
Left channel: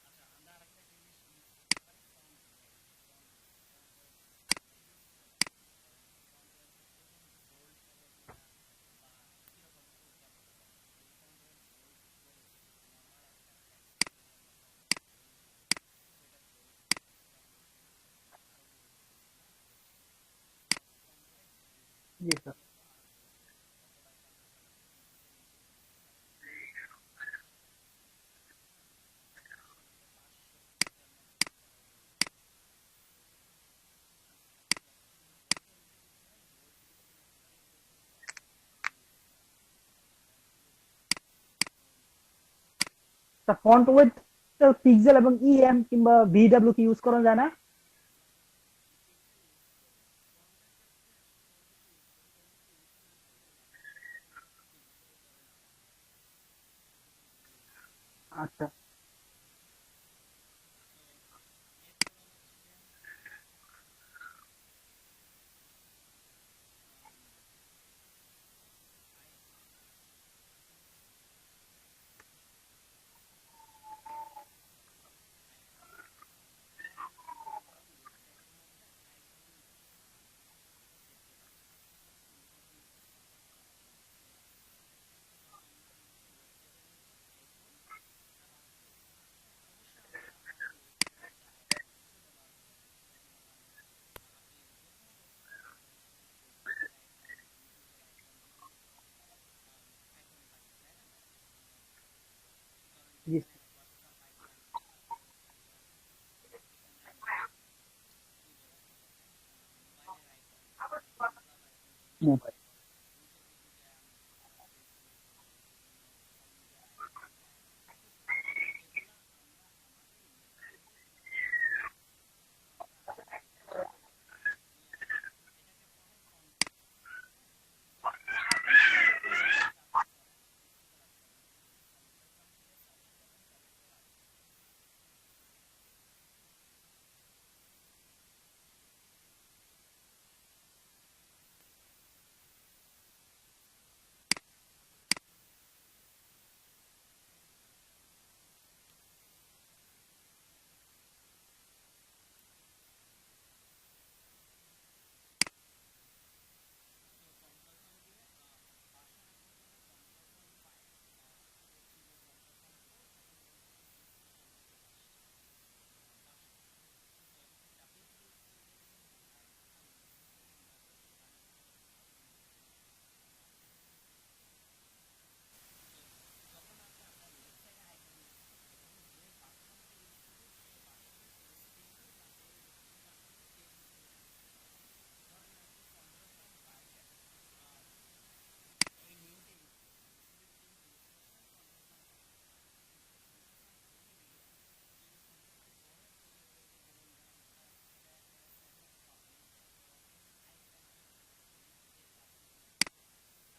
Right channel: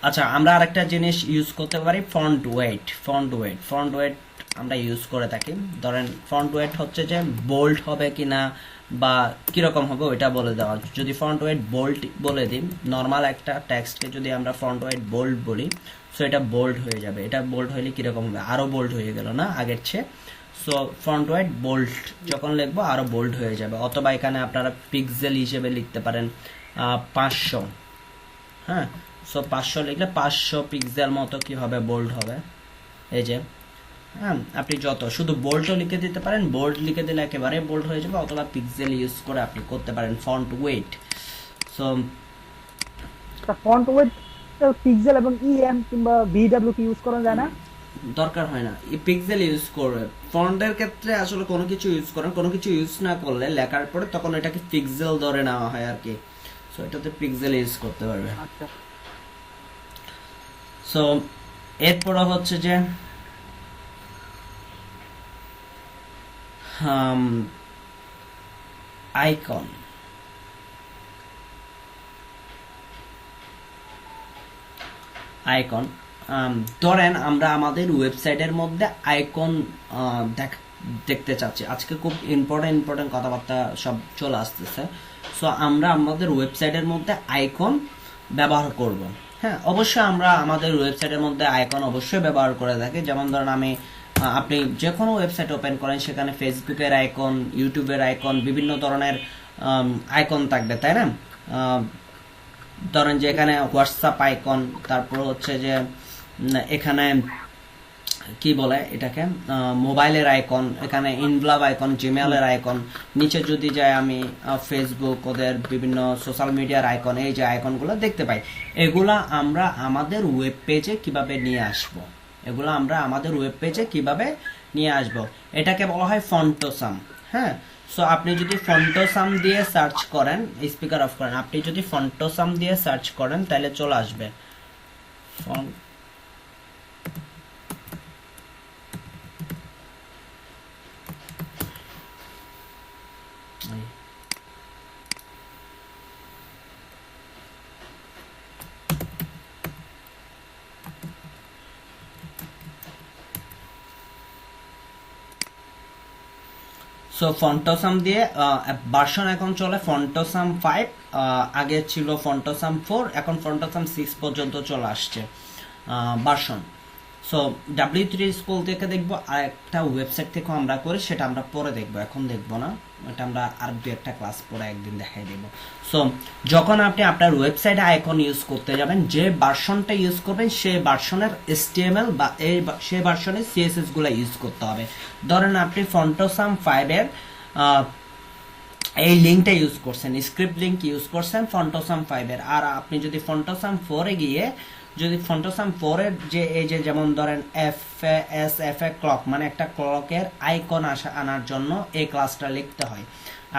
আচ্ছা, আমরা আরেকটা জিনিস ইউজ করতে পারি, ফন্ট ওয়েট। ফন্ট ওয়েট আমরা ইউজ করে থাকি। ধরেন ফন্ট ওয়েট হচ্ছে যে বোল্ড হবে কিনা বা কিরকম হবে ওইটা বলে দেওয়া। যদি ফন্ট ওয়েট বোল্ড বলে দিই, নর্মাল একটা টেক্সটকে যদি আমরা ফন্ট ওয়েট বোল্ড বলি, সো এটা বোল্ড হয়ে যাবে। এটা বোল্ড হইলে কিরকম হবে, আরো বোল্ড হয়ে গেল না আগের চেয়ে। সো ফন্ট ওয়েট বোল্ড যখন লিখবো আরো বোল্ড হয়ে যাবে। অথবা এখানে আপনারা পিক্সেল হিসেবে লিখতে পারেন 500। হ্যাঁ, সো 500 লিখলে 500 পিক্সেল মতো কি হবে, বোল্ড হবে। এই যে, হ্যাঁ, আপনি যত শুধু বোল্ডও লিখে দিতে পারেন, বোল্ড লিখে দিলে একেবারে বোল্ড হয়ে যাবে, অথবা পিক্সেল ইউজ করে আপনি করতে পারেন font wait. So font wait pixel এবং ইএম কিংবা ভিডব্লিউ কি ইউজ করা যায় না? দরকার হয় না, এই পিক্সেল ইউজ করবে। ফন্টের ক্ষেত্রে আসলে কোনো কিছু ইউজ করেন, কোনো কিছু ইউজ না করলে লেখার পরে তখন এটাকে পিক্সেল ধরে নেওয়া হয় আর কি। সো এটাতে পিক্সেল ইউজ করতে পারবে। আচ্ছা, সো এরপর হচ্ছে যে আইকন। আইকন ধরেন আমরা আমাদের ওয়েবসাইটের মধ্যে আইকন দেখতে চাচ্ছি। আজকে খুব ইম্পর্টেন্ট কথাবার্তা সব চলে আসতেছে। সো আমরা আমাদের ওয়েবসাইটের মধ্যে আইকন ব্যবহার করব। হ্যাঁ, অবশ্যই আমরা আমাদের ওয়েবসাইটের মধ্যে আইকন অবশ্যই ব্যবহার করে থাকি। যেমন ধরেন আপনি যে কোনো ওয়েবসাইট ওপেন করেন, সেখানে ফেসবুকের আইকন, ইউটিউবের আইকন, বিভিন্ন ধরনের আইকন থাকবে, তাই না? ধরেন যে এখানে হোয়াটসঅ্যাপ আইকন, তারপর হচ্ছে যে এখানে কি বলে এটাকে, মোবাইলের আইকন, এখানে ইনভ্লাভ আইকন, জিমেলের আইকন, নিচে যদি যাই আমি ফেসবুক, ওদের বিভিন্ন সোশ্যাল মিডিয়ার আইকন, এই যে আইকনগুলো দেখতে পাই, এগুলা আমরা আমাদের ওয়েব পেজে কিভাবে নিয়ে আসব, এটাকে বলা হয় ফন্টোসাম। হ্যাঁ, সো আপনি যদি ফন্টোসাম দিয়ে সার্চ করেন, স্পিকার অফ করেন, আপনি যদি ফন্টোসাম দিয়ে সার্চ করেন তাহলে চলে আসবে সো ফন্টোসাম দিয়ে ভার্সন এখন চলে ফন্টোসাম 5, আগে ছিল ফন্টোসাম 4, এখন ফন্টোসাম 6 পর্যন্ত চলে আসছে ভার্সন। সো W3 স্কুল থেকে দেখবো, আর একটা ওয়েবসাইট থেকে আমরা করি, সেটা আমরা পরে দেখবো, এখন দেখবো না, এটা আমরা আর দু একটা ক্লাস পরে একদিন দেখাই দেব। সো যখন আপনি আপনার ওয়েবসাইটে আইকন ইউজ করতে যাবেন, যে ভার্সনটা ইউজ করবেন সেই ভার্সনের HTML বা সেই ভার্সনের CSS গুলো ইউজ করতে হবে। ধরেন আপনি ফন্টোসাম 5 এর এই লিঙ্কটা ইউজ করছেন, স্ক্রিপ্ট লিঙ্ক ইউজ করছেন ফন্টোসাম 5 এর, আর আপনি যদি ফন্টোসাম 4 এ গিয়ে যদি ফন্টোসাম 4 এর যে এই যে যেমন ধরেন FA ক্লক, মানে একটা ক্লকের আইকন আনার জন্য এই ক্লাসটা লিখতে হয়।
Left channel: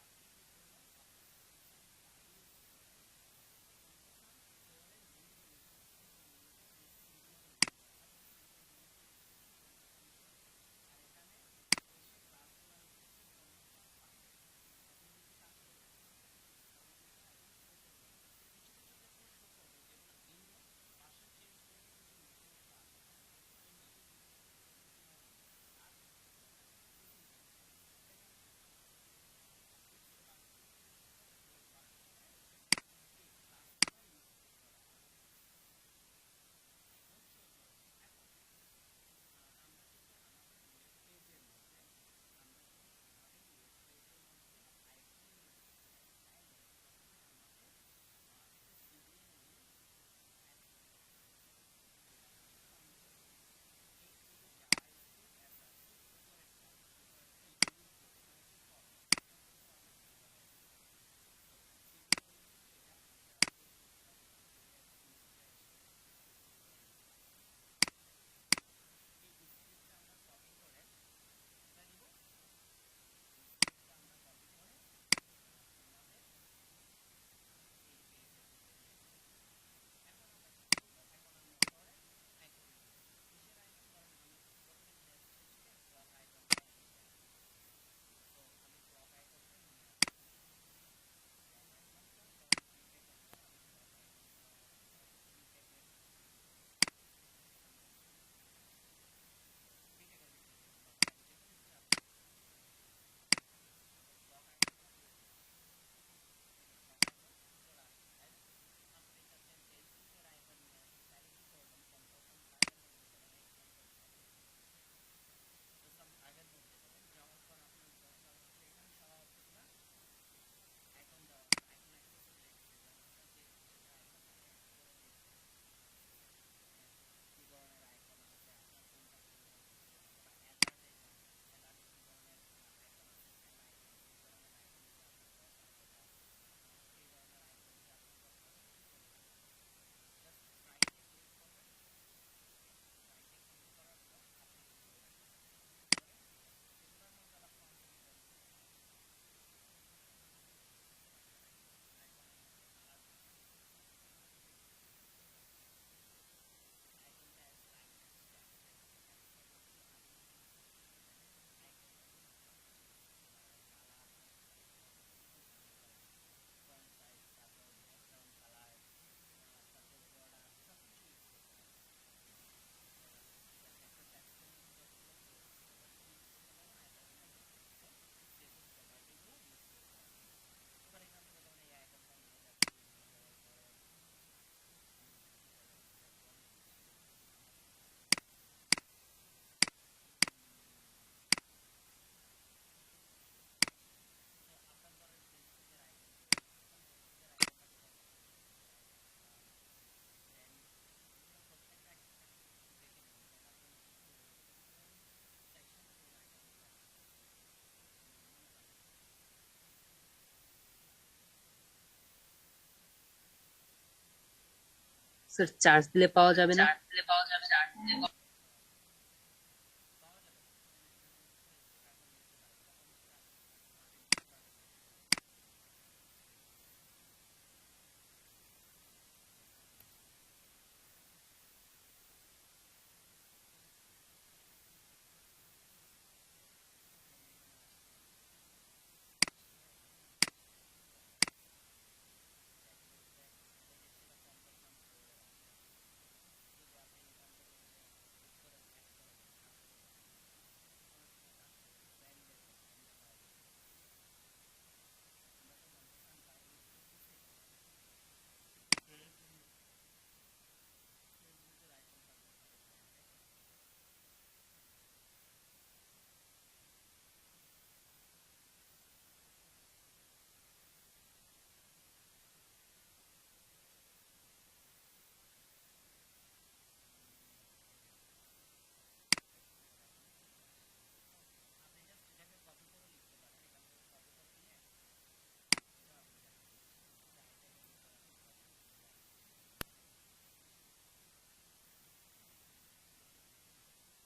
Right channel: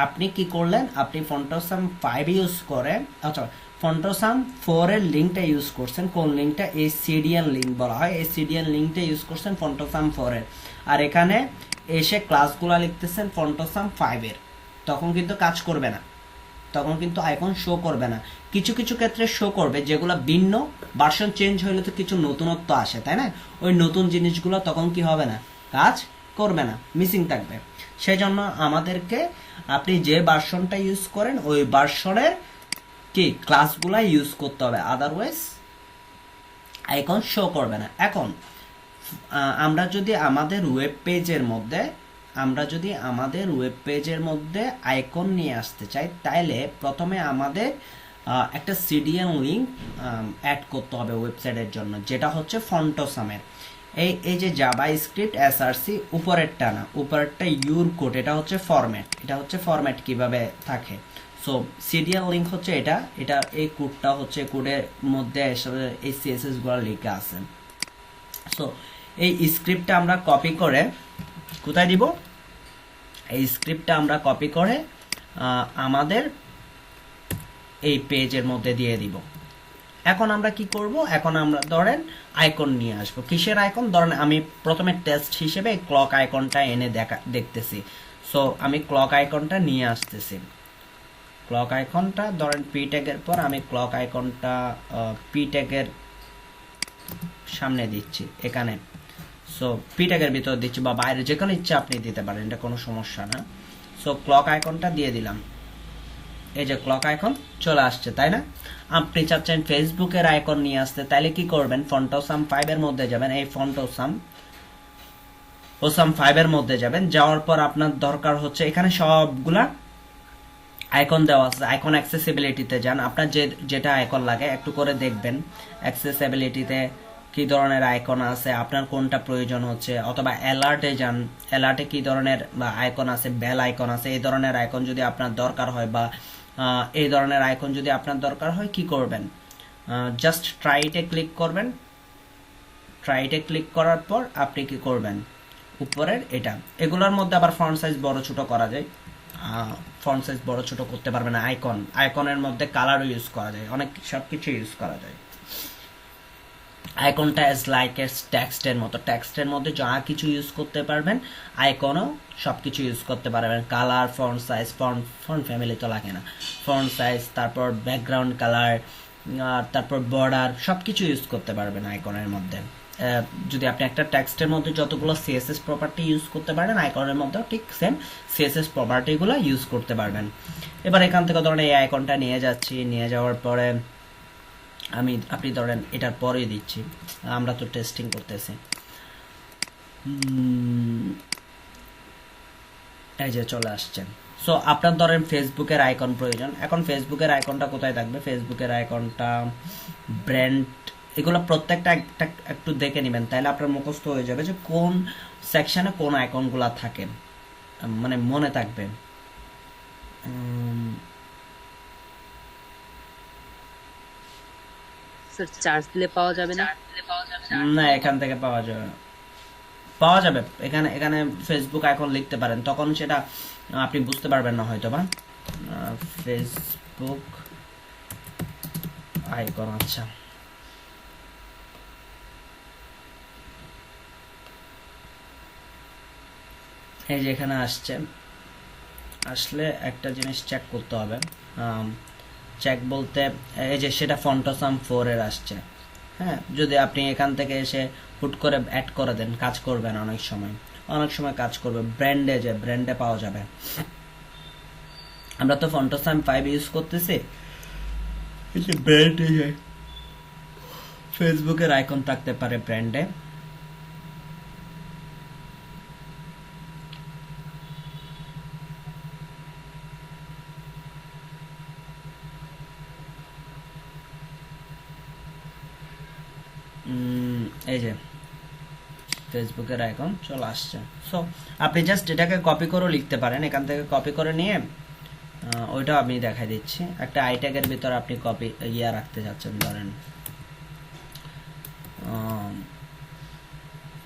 আপনি কি করলেন, আপনি ফন্টোসাম 5 ইউজ করে, আচ্ছা ফন্টোসাম 4 এর লিঙ্কটা ইউজ করছেন, কোন লিঙ্কটা, এই সিডিএন লিঙ্ক বলা হয়, এই সিডিএন লিঙ্কটা ইউজ করছেন ফন্টোসাম 4 এর, আর এখানে এসে ক্লাসগুলো লিখতেছেন ফন্টোসাম 5 এর, তখন কিন্তু কাজ করবে না, তখন কিন্তু আইকন শো করবে না। কিছু কিছু ক্ষেত্রে শো করবে, যেগুলো ভিন্ন ভার্সন চেঞ্জ হইলে তো কিছু নতুনত্ব আসে, তাই না, ওই নতুন জিনিসগুলো তখন কি হবে না, কাজ করবে না, মিসিং থাকবে। সেই জন্য আমাদেরকে আপনি যে ভার্সনটা ইউজ করেন ওই ভার্সনের কি ক্লাসগুলা ইউজ করতে হবে, আদারওয়াইজ আইকন শো করবে না। এখন আমরা যদি আমাদের ওয়েব পেজের মধ্যে আইকন নিয়ে আসতে চাই, তাইলে প্রথমে আমাদের একটা সিডিএন লিঙ্ক অ্যাড করতে হবে ওয়েবসাইটের জন্য, যেটা হচ্ছে ফন্টোসামের। এই যে জাভা স্ক্রিপ্ট এসআরসি উপরেরটা না, উপরেরটা ইউর কোড, এটা হচ্ছে ফরম্যাট কিভাবে থাকে। সো সিডিএন লিঙ্ক হচ্ছে এটা, এই কোডটা হচ্ছে, কোডের মধ্যে এই সিএসএস গুলো লেখা আছে। সো এই স্ক্রিপ্টটা আমরা কপি করে কোথায় দিব, এই স্ক্রিপ্টটা আমরা কপি করে আমাদের এই পেজের মধ্যে দিয়ে দিব। এখন আমরা কি করব, এখন আমরা ধরেন আইকন নিয়ে আসবো। কিসের আইকন, ধরেন আমি প্রথমে টেস্ট হিসেবে ক্লক আইকনটা এনে দেখতেছি। সো আমি ক্লক আইকনটা নিয়ে আসতেছি, ক্লক আইকনটা ধরেন পি ট্যাগের পর আমি ক্লক আইকনটা পি ট্যাগের সামনে দিচ্ছি এখানে। সো পি ট্যাগের ভিতর দিচ্ছি বা বাইরে যেখানে ইচ্ছা আপনি দিতে পারেন, এটা কোনো সমস্যা না। সো ক্লক আইকনটা দিয়ে দিলাম, এই যে ক্লক আইকন চলে আসছে, তাই না। আপনি চাচ্ছেন ফেসবুকের আইকন নিয়ে আসতে, তাইলে কি করবেন, ফন্টোসাম 5 এর মধ্যে যাবেন, এই ফন্টোসাম 5 এর মধ্যে যাবেন, যাওয়ার পর আপনার দরকার হচ্ছে এখানে সবগুলা আইকন দেওয়া আছে। আইকন অ্যাক্সেসিবিলিটিতে যান, আপনার যেটা আইকন লাগে একটু করে দেখবেন অ্যাক্সেসিবিলিটিতে কি ধরনের আইকন আছে, আপনার কোনটা প্রয়োজন হচ্ছে, অথবা অ্যালার্টে যান, অ্যালার্টে কি ধরনের আইকন আছে, বেল আইকন আছে, এই ধরনের আইকন যদি আপনার দরকার হয় বা এই ধরনের আইকন যদি আপনার দরকার হয় কি করবেন, জাস্ট ট্রাইটে ক্লিক করবেন। ট্রাইটে ক্লিক করার পর আপনি কি করবেন, উপরের এটা, এগুলোর মধ্যে আবার ফন্ট সাইজ বড় ছোট করা যায়, ফন্ট সাইজ বড় ছোট করতে পারবে না। আইকনের মধ্যে কালারও ইউজ করা যায়, অনেক সব কিছু ইউজ করা যায়। আইকনটা অ্যাজ লাইক এস টেক্সটের মতো, টেক্সটের মধ্যে যা কিছু ইউজ করতে পারবেন আইকনও সব কিছু ইউজ করতে পারবেন। Colour, font size, font family তো লাগে না, ফন্ট সাইজ, তারপর ব্যাকগ্রাউন্ড কালার, তারপর বর্ডার, সব কিছু ইউজ করতে পারবেন আইকনের মধ্যে। যদি আপনি একটা টেক্সটের মধ্যে যতগুলো সিএসএস প্রপার্টি ইউজ করতে পারেন, আইকনের মধ্যেও ঠিক সেম সিএসএস প্রপার্টিগুলো ইউজ করতে পারবেন। এবার এখান থেকে ধরেন এই আইকনটা নিয়ে যাচ্ছি, নিয়ে যাওয়ার পরে আপনি ধরেন এটার পরে দিচ্ছি, আমরা তো টেস্টিং করতেছি। এই যে চলে আসছে। সো আপনার ধরেন ফেসবুকের আইকন প্রয়োজন, এখন ফেসবুকের আইকনটা কোথায় থাকবে, ফেসবুকের আইকনটা ব্র্যান্ড, এগুলো প্রত্যেকটা একটু দেখে নেবেন, তাহলে আপনার মুখস্থ হয়ে যাবে যে কোন সেকশনে কোন আইকনগুলো থাকে, মানে মনে থাকবে। স্যার চার্জ দিলে পাওয়া যাবে না? না, এখান থেকে পাওয়া যাবে, এখানে ফেসবুক আইকন লিখতে পারেন, তখন সেটা আপনি বুঝতে পারবেন না হয়তো বা। ফেসবুক আইকন, আচ্ছা এই যে এখানে আসলে একটা জিনিস চেক করতে হবে, চেক বলতে এই যে সেটা ফন্টোসাম 4 এর আসছে। হ্যাঁ, যদি আপনি এখান থেকে এসে হুট করে অ্যাড করে দেন, কাজ করবে না, অনেক সময় কাজ করবে। ব্র্যান্ডে পাওয়া যাবে। আমরা তো ফন্টোসাম 5 ইউজ করতেছি, ব্র্যান্ডে ফেসবুকের আইকন থাকতে পারে ব্র্যান্ডে। এই যে ফেসবুকের আইকন চলে আসছে। সো আপনি জাস্ট এটাকে কপি করে লিখতে পারেন, এখান থেকে কপি করে নিয়ে ওইটা আমি দেখাই দিচ্ছি। একটা আই ট্যাগের ভিতর আপনি কপি রাখতে যাচ্ছেন,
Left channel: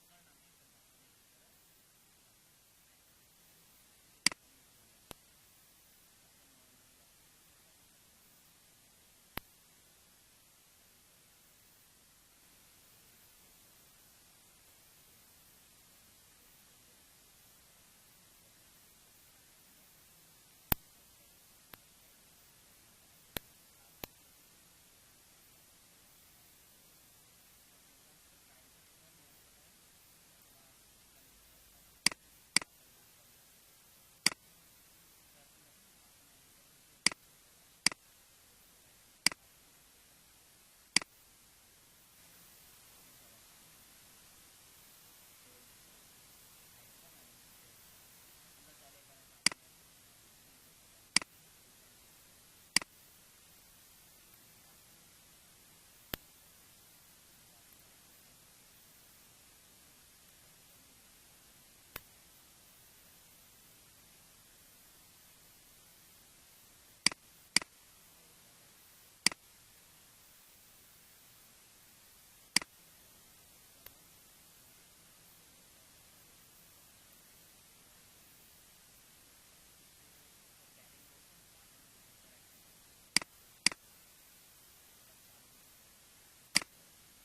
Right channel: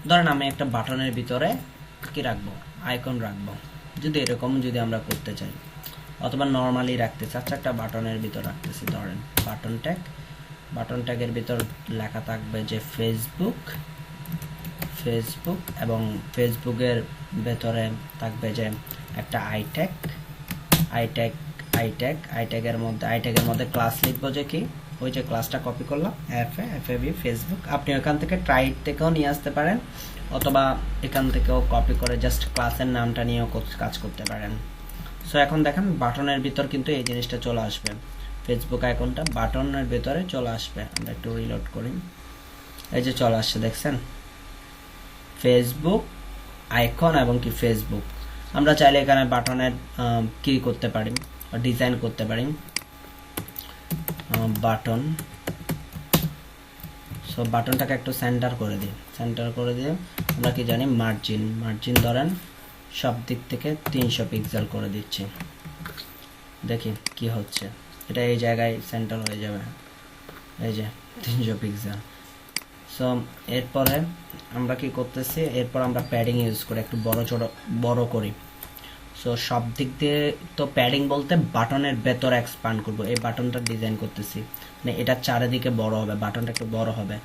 ধরেন আমি একটা বাটনের ভিতরে কি রাখবো, আইকন রাখবো, যদি এরকম যদি আমরা করতে চাই, অথবা নর্মালি রাখতেছি, আচ্ছা একটা বাটনের ভিতর রাখতেছি, ধরেন বাটন ট্যাগ, বাটন ট্যাগের ভিতর লেখা থাকবে যে ফেসবুক, ফেসবুক এবং ফেসবুকের ভেতরে থাকবে যে একটা I tag, I tag, I ট্যাগের মধ্যে ক্লাস লিখবো যে কি, ওই যে ক্লাসটা কপি করলাম এফএবি ফেসবুক। আপনি ওখান থেকে ট্রাইড থেকেও নিয়ে আসতে পারেন অথবা এখান থেকেও কপি করে জাস্ট ক্লাসের নামটা নিয়েও কাজ করতে পারেন। সো এখন দেখেন বাটনের ভিতর কিন্তু এই জিনিসটা চলে আসবে, ফেসবুক আইকনটা বাটনের ভিতরে চলে আসবে। আমরা একটু রিলোড করি, এই যে চলে আসছে দেখছেন ফেসবুক আইকন এবং কি ফেসবুক। আমরা চাইলে এখানে বাটনের কি করতে পারি, ডিজাইন করতে পারি, বাটন। সো বাটনটাকে একটু সেন্টার করে দিই, সেন্টার করে দিয়ে আমরা কি জানি মার্জিন, মার্জিন ধরেন সব দিক থেকে 300 পিক্সেল করে দিচ্ছি, দেখি কি হচ্ছে, এটা এই জায়গায় সেন্টার হয়ে যাবে, এই যে 300 পিক্সেল। সো এরপরে আমরা কি করতেছি, এরপর আমরা প্যাডিং ইউজ করি, একটু বড় করি। সো সব দিক দিয়ে তো প্যাডিং বলতে বাটনের ভেতর এক্সপ্যান্ড করব, এই বাটনটা ডিজাইন করতেছি, মানে এটা চারিদিকে বড় হবে, বাটনটা একটু বড় হবে।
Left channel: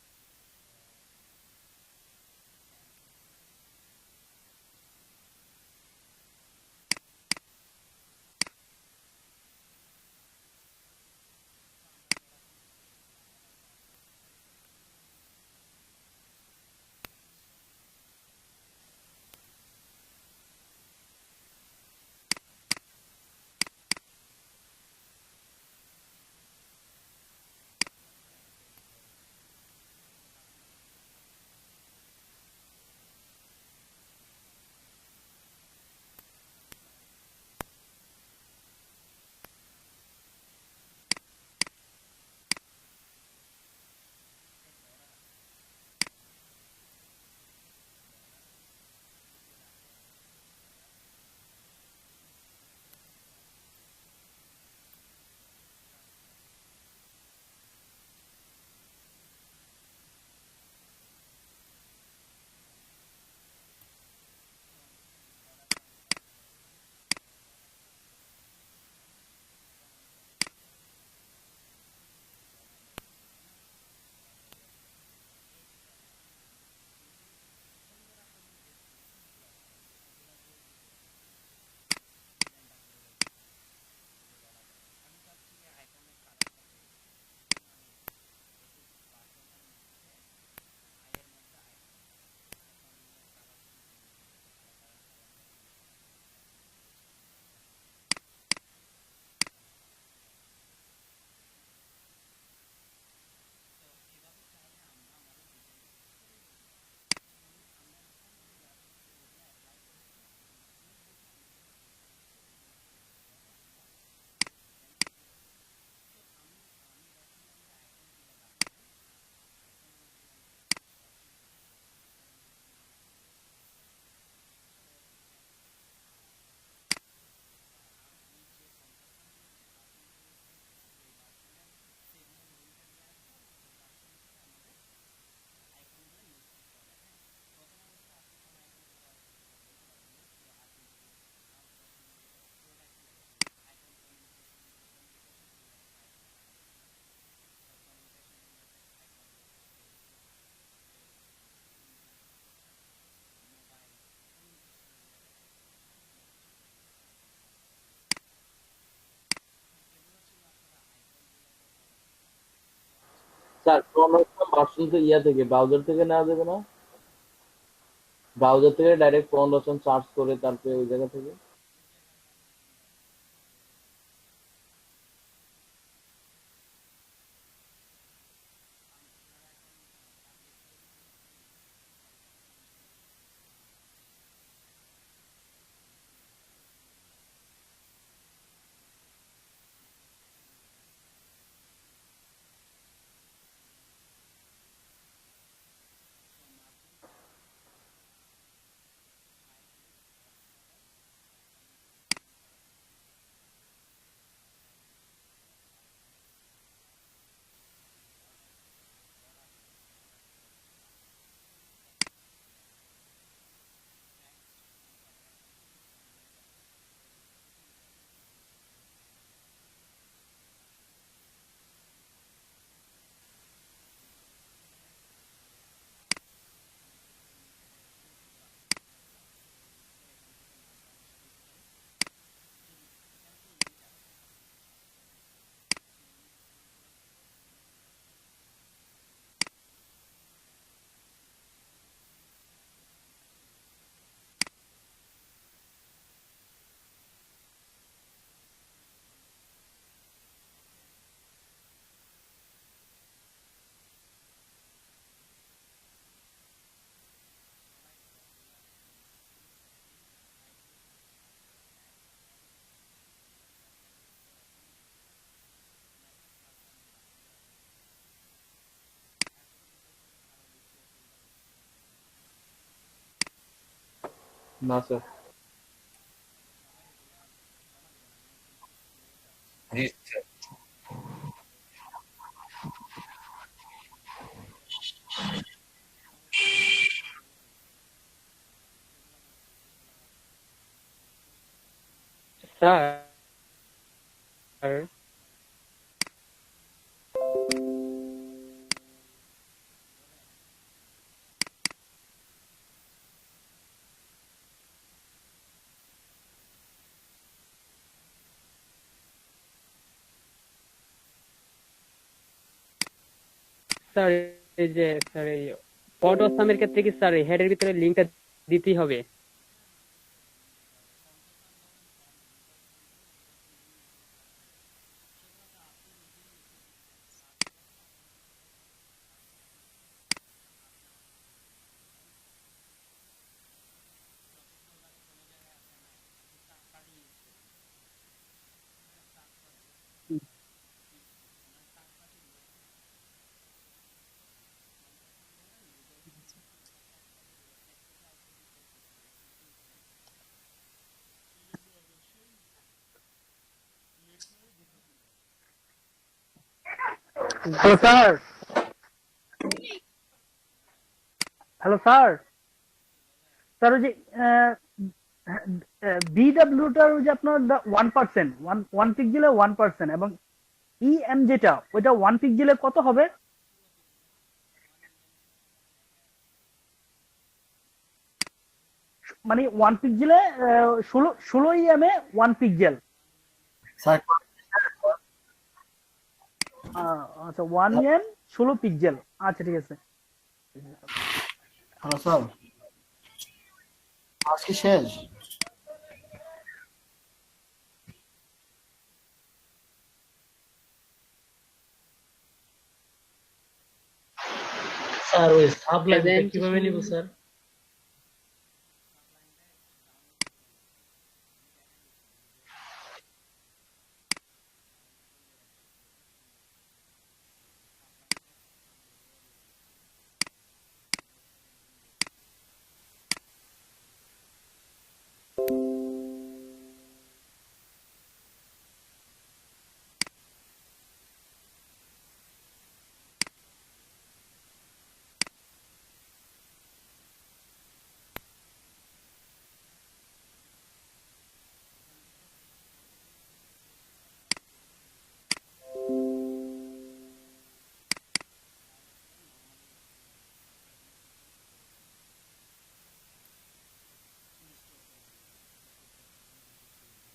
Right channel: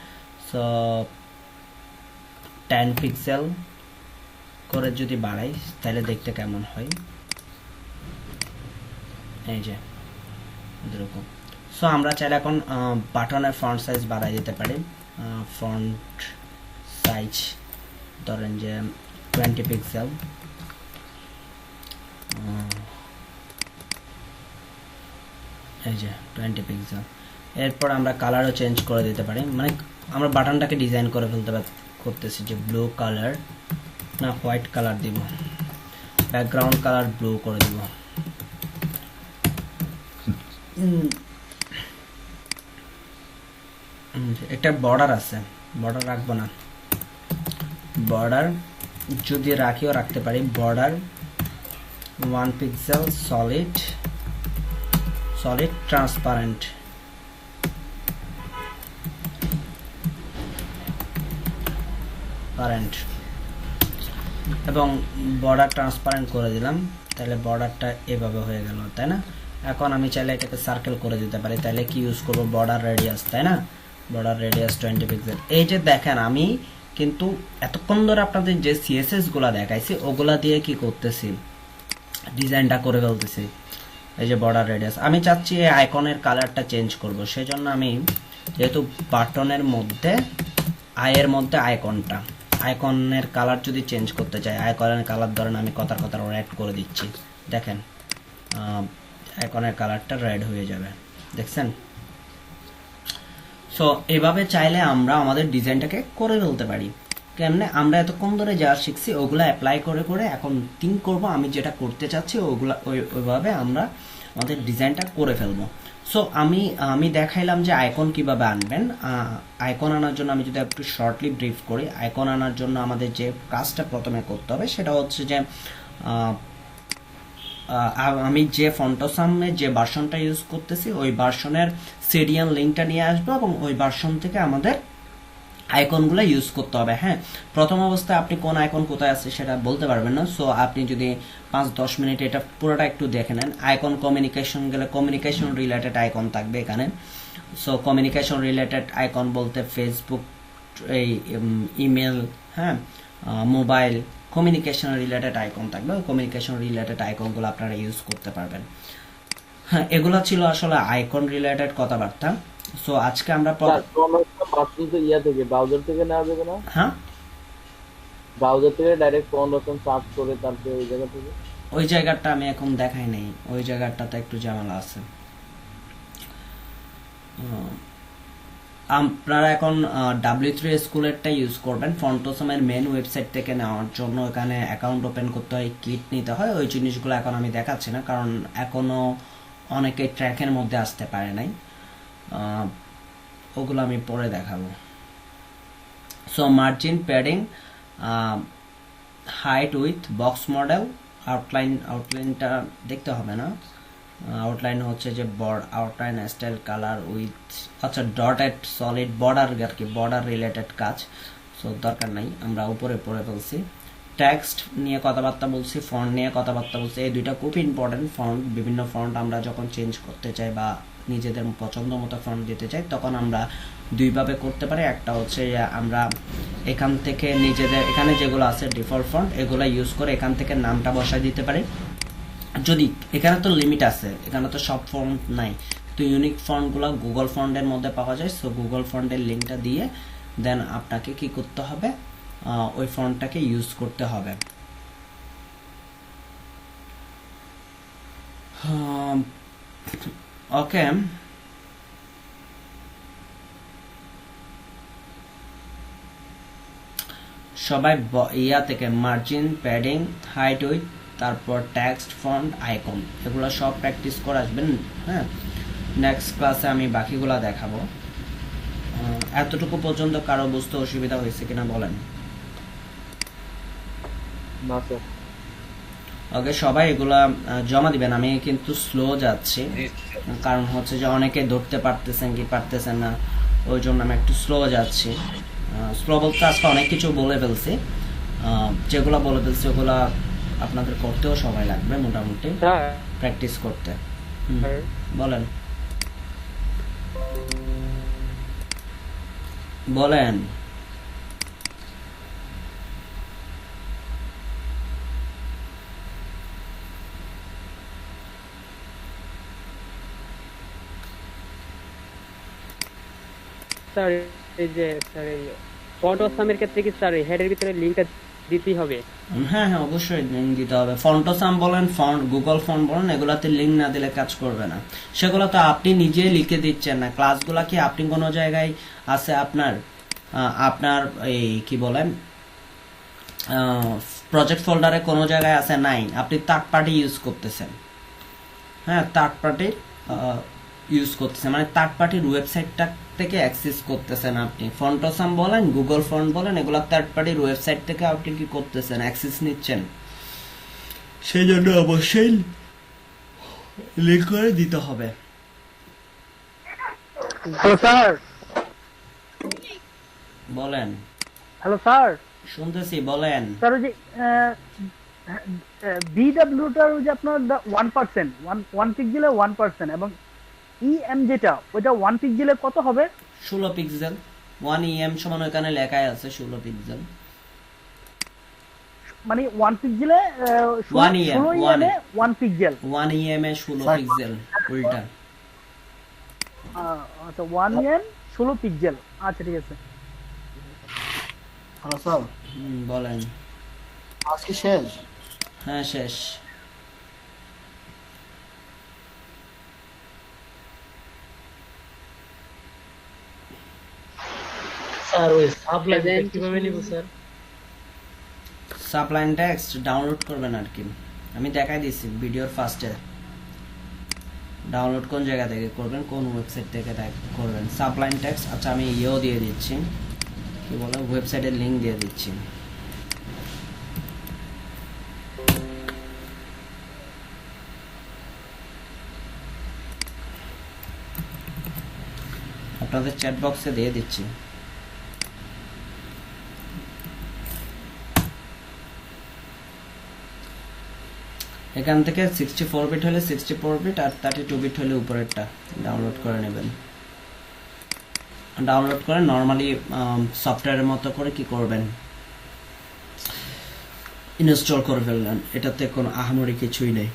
সো 10 পিক্সেল করে যদি বাড়াই তাহলে দেখতে কেমন হয়, এই যে এরকম। সো আমরা চাইলে এখন বাটনের ফন্ট সাইজ বাড়াই দিতে পারি, ফন্ট সাইজ ধরেন যে 20 পিক্সেল, এই যে 20 পিক্সেল। এরপর আমরা কালারও চেঞ্জ করে দিতে পারি, মানে আমরা বাটনটাকে ডিজাইন করে ফেলতে করতেছি যে ব্লু কালার না হোয়াইট কালার দিব, ব্যাকগ্রাউন্ড কালার ব্লু করে দিব। একটা বর্ডার আছে, বর্ডার রাখবো না, বর্ডার যদি রাখিও রাখতে পারি, border 1 pixel solid, solid transparent, current এবং বর্ডার ট্রান্সপারেন্ট করে দিলাম, তাহলে বর্ডারটা এভাবে হয়ে গেল, তাই না? এখন আমি চাইলে এটাকে সার্কেল করে দিতে পারি, তাহলে কি ইউজ করব, বর্ডার রেডিয়াস, তাই না? Border radius 20 pixel. এই যে দেখেন আমি কিন্তু এতক্ষণ ধরে আপনাদের যে সিএসএস গুলা দেখাইছি ওগুলা দিয়ে কি করতেছি, ডিজাইনটা করে ফেলতেছি। এই যে বর্ডার রেডিয়াস, আমি চাচ্ছি এই আইকনের কালারটা চেঞ্জ করব, সেজন্য আমি যেহেতু বাটনের মধ্যে আয়ের মধ্যে আইকনটা, আইকনের কালার যদি চেঞ্জ করতে চাই, আইকনের কালার ধরেন আমি কথার রেড করে দিচ্ছি, দেখেন আইকনের কালারটা রেড হয়ে যাবে, দেখছেন? সো এভাবে চাইলে আমরা আমাদের ডিজাইনটাকে করে ফেলতে পারি। কেমনে, আমরা এতক্ষণ ধরে যা শিখছি ওগুলো অ্যাপ্লাই করে করে এখন থিঙ্ক করব আমি যেটা করতে চাচ্ছি ওগুলা ওইভাবে আমরা আমাদের ডিজাইনটা করে ফেলবো। সো আমি দেখাইলাম যে আইকন কিভাবে আনবেন। আইকন আনার জন্য আমি যদি একটু শর্টলি ব্রিফ করি, আইকন আনার জন্য আমাদের যে কাজটা প্রথমে করতে হবে সেটা হচ্ছে যে আমি যে ফন্টোসামে যে ভার্সনটা ইউজ করতেছি ওই ভার্সনের সিরিয়াল লিঙ্কটা নিয়ে আসবো এবং ওই ভার্সন থেকে আমাদের আইকনগুলো ইউজ করতে হবে। হ্যাঁ, প্রথম অবস্থায় আপনি কোন আইকন কোথায় আছে সেটা বলতে পারবেন না। সো আপনি যদি 5-10 মিনিট এটা পুরোটা একটু দেখে নেন, আইকন কমিউনিকেশন গেলে কমিউনিকেশন রিলেটেড আইকন থাকবে এখানে। সো কমিউনিকেশন রিলেটেড আইকন বলতে ফেসবুক, এই ইমেল, হ্যাঁ, মোবাইল, কমিউনিকেশন রিলেটেড আইকন থাকবে। ওই কমিউনিকেশন রিলেটেড আইকনগুলো আপনারা ইউজ করতে পারবেন। হ্যাঁ, এগুলো ছিল আসলে আইকন রিলেটেড কথাবার্তা। সো আজকে আমরা ইয়া থেকে ব্রাউজার থেকে নেওয়া যাবে না? হ্যাঁ, ব্রাউজার থেকে ডাইরেক্ট ফাউন্ডেশন সার্চ করে তারপরে ওই জায়গা থেকে, ওই জায়গাটা আমি এখন দেখাই নেই, ওই জায়গাটাতে একটু ঝামেলা আছে। আপনারা এখন W3 স্কুলেরটা ইউজ করবেন, ফন্টোসামের মেন ওয়েবসাইট থেকে নেওয়ার জন্য এখানে অ্যাকাউন্ট ওপেন করতে হয়, কিট নিতে হয়, ওই জিনিসগুলো এখন আমি দেখাচ্ছি না কারণ এখনো অনেকে ট্র্যাকের মধ্যে আসতে পারে নাই, ওগুলো আমি পরে দেখাবো। So margin, padding, height, width, box model, আউটলাইনটা দেখতে হবে না, আউটলাইন হচ্ছে যে আউটলাইন, স্টাইল, কালার, উইথ, আচ্ছা ডটেড সলিড, বর্ডার আর কি, বর্ডার রিলেটেড কাজ, সো দরকার নাই, আমরা উপরে পড়ে ফেলছি। টেক্সট নিয়ে কথাবার্তা বলছি, ফন্ট নিয়ে কথাবার্তা বলছি। এই দুইটা খুব ইম্পর্টেন্ট। ফন্ট, বিভিন্ন ফন্ট আমরা যখন চেঞ্জ করতে চাই বা নিজেদের পছন্দ মতো ফন্ট দিতে চাই, তখন আমরা দুইভাবে করতে পারি। একটা হচ্ছে যে আমরা এখান থেকে নিজেদের এখানে যেগুলো আছে ডিফল্ট ফন্ট, এগুলো ইউজ করে এখান থেকে নামটা বসায় দিতে পারি। যদি এখানে তো লিমিট আছে, এখানে তো সব ফন্ট নাই, তো ইউনিক ফন্টগুলো গুগল ফন্টের মধ্যে পাওয়া যায়। সো গুগল ফন্টের লিঙ্কটা দিয়ে দেন আপনাকে কি করতে হবে, ওই ফন্টটাকে ইউজ করতে হবে। ওকে, সবাই ইয়া থেকে মার্জিন, প্যাডিং, হাইট, উইথ, তারপর টেক্সট, ফন্ট, আইকন, এগুলো সব প্র্যাকটিস করে আসবেন। হ্যাঁ, নেক্সট ক্লাসে আমি বাকিগুলা দেখাবো। এতটুকু পর্যন্ত কারো বুঝতে অসুবিধা হয়েছে কিনা বলেন? না স্যার। ওকে, সবাই এগুলা জমা দিবেন। আমি কিন্তু স্লো যাচ্ছি, জি স্যার। কারণ হচ্ছে যে অনেকে ধরতে পারতেছেন কি পারতেছেন না, ওই জন্য আমি একটু স্লো যাচ্ছি। স্লো বলতে আজকে অনেক কিছু বলে ফেলছি, যেগুলো বলে ফেলছি ওগুলা আপনাদের করতেও সময় লাগবে মোটামুটি স্যার প্র্যাকটিস করতে। বলেন বলেন। স্যার এই যে স্যার এই ফন্ট অসামের ক্ষেত্রে কি স্যার হেডের ভিতরে লিংকটা দিতেই হবে? হ্যাঁ হ্যাঁ, অবশ্যই লিঙ্ক দিতে হবে। ফন্টোসাম বলেন, ফন্ট, গুগল ফন্ট বলেন, এগুলাতে লিঙ্ক না দিলে কাজ করবে না। সেগুলো তো আপনি নিজেই লিখে দিচ্ছেন না। ক্লাসগুলা কি আপনি কোনো জায়গায় আছে আপনার আপনার এই কি বলেন প্রজেক্ট ফোল্ডারে কোনো জায়গায় আছে? নাই, আপনি থার্ড পার্টি ইউজ করতেছেন। হ্যাঁ, থার্ড পার্টি ইউজ করতেছেন, মানে থার্ড পার্টির ওয়েবসাইটটা থেকে অ্যাক্সেস করতেছেন আপনি। ফন্টোসাম বলেন, গুগল ফন্ট বলেন, এগুলো থার্ড পার্টির ওয়েবসাইট থেকে আপনি কি করতেছেন, অ্যাক্সেস নিচ্ছেন। সেই জন্য অবশ্যই লিঙ্ক করে দিতে হবে। Hello sir. বলেন। Hello sir. শুনতেছি, বলেন। স্যার ওই যে বিডব্লিউটার ওই যে আপনার 1%, 1 পিক্সেলে 1%, এবং ইএম যেটা ওইটা 1 পিক্সেলে কত হবে? 16 পিক্সেল। 1 EM সমান এখানে লেখাই আছে 16 পিক্সেল। মানে 1 পিক্সেলে 16 ইএম এ 1 পিক্সেল। 1 EM এ 16 পিক্সেল উল্টা। আচ্ছা, 1 ইএম 16 পিক্সেল। আচ্ছা ঠিক আছে। হ্যালো স্যার, বলেন। আজকে শেষ? হ্যাঁ, শেষ। স্যার ওই সাবলাইনটা কিভাবে নিব স্যার? সাবলাইন টেক্সট ডাউনলোড করবেন আর কি, আমি দেখাই দিচ্ছি ভিডিওর ফার্স্টে। ডাউনলোড কোন জায়গা থেকে করবেন, কোন ওয়েবসাইট থেকে করবেন সাবলাইন টেক্সট। আচ্ছা, আমি ইয়েও দিয়ে দিচ্ছি, কি বলে, ওয়েবসাইটের লিঙ্ক দিয়ে দিচ্ছি। আপনাদের চ্যাট বক্সে দিয়ে দিচ্ছি। এখান থেকে 64 বিট হলে 64 বিট আর 32 বিট হলে উপরেরটা ডাউনলোড করে নেবেন। ডাউনলোড করে নরমালি সফটওয়্যারের মতো করে কি করবেন, ইনস্টল করে ফেললেন। এটাতে কোনো আহামরি কিছুই নেই।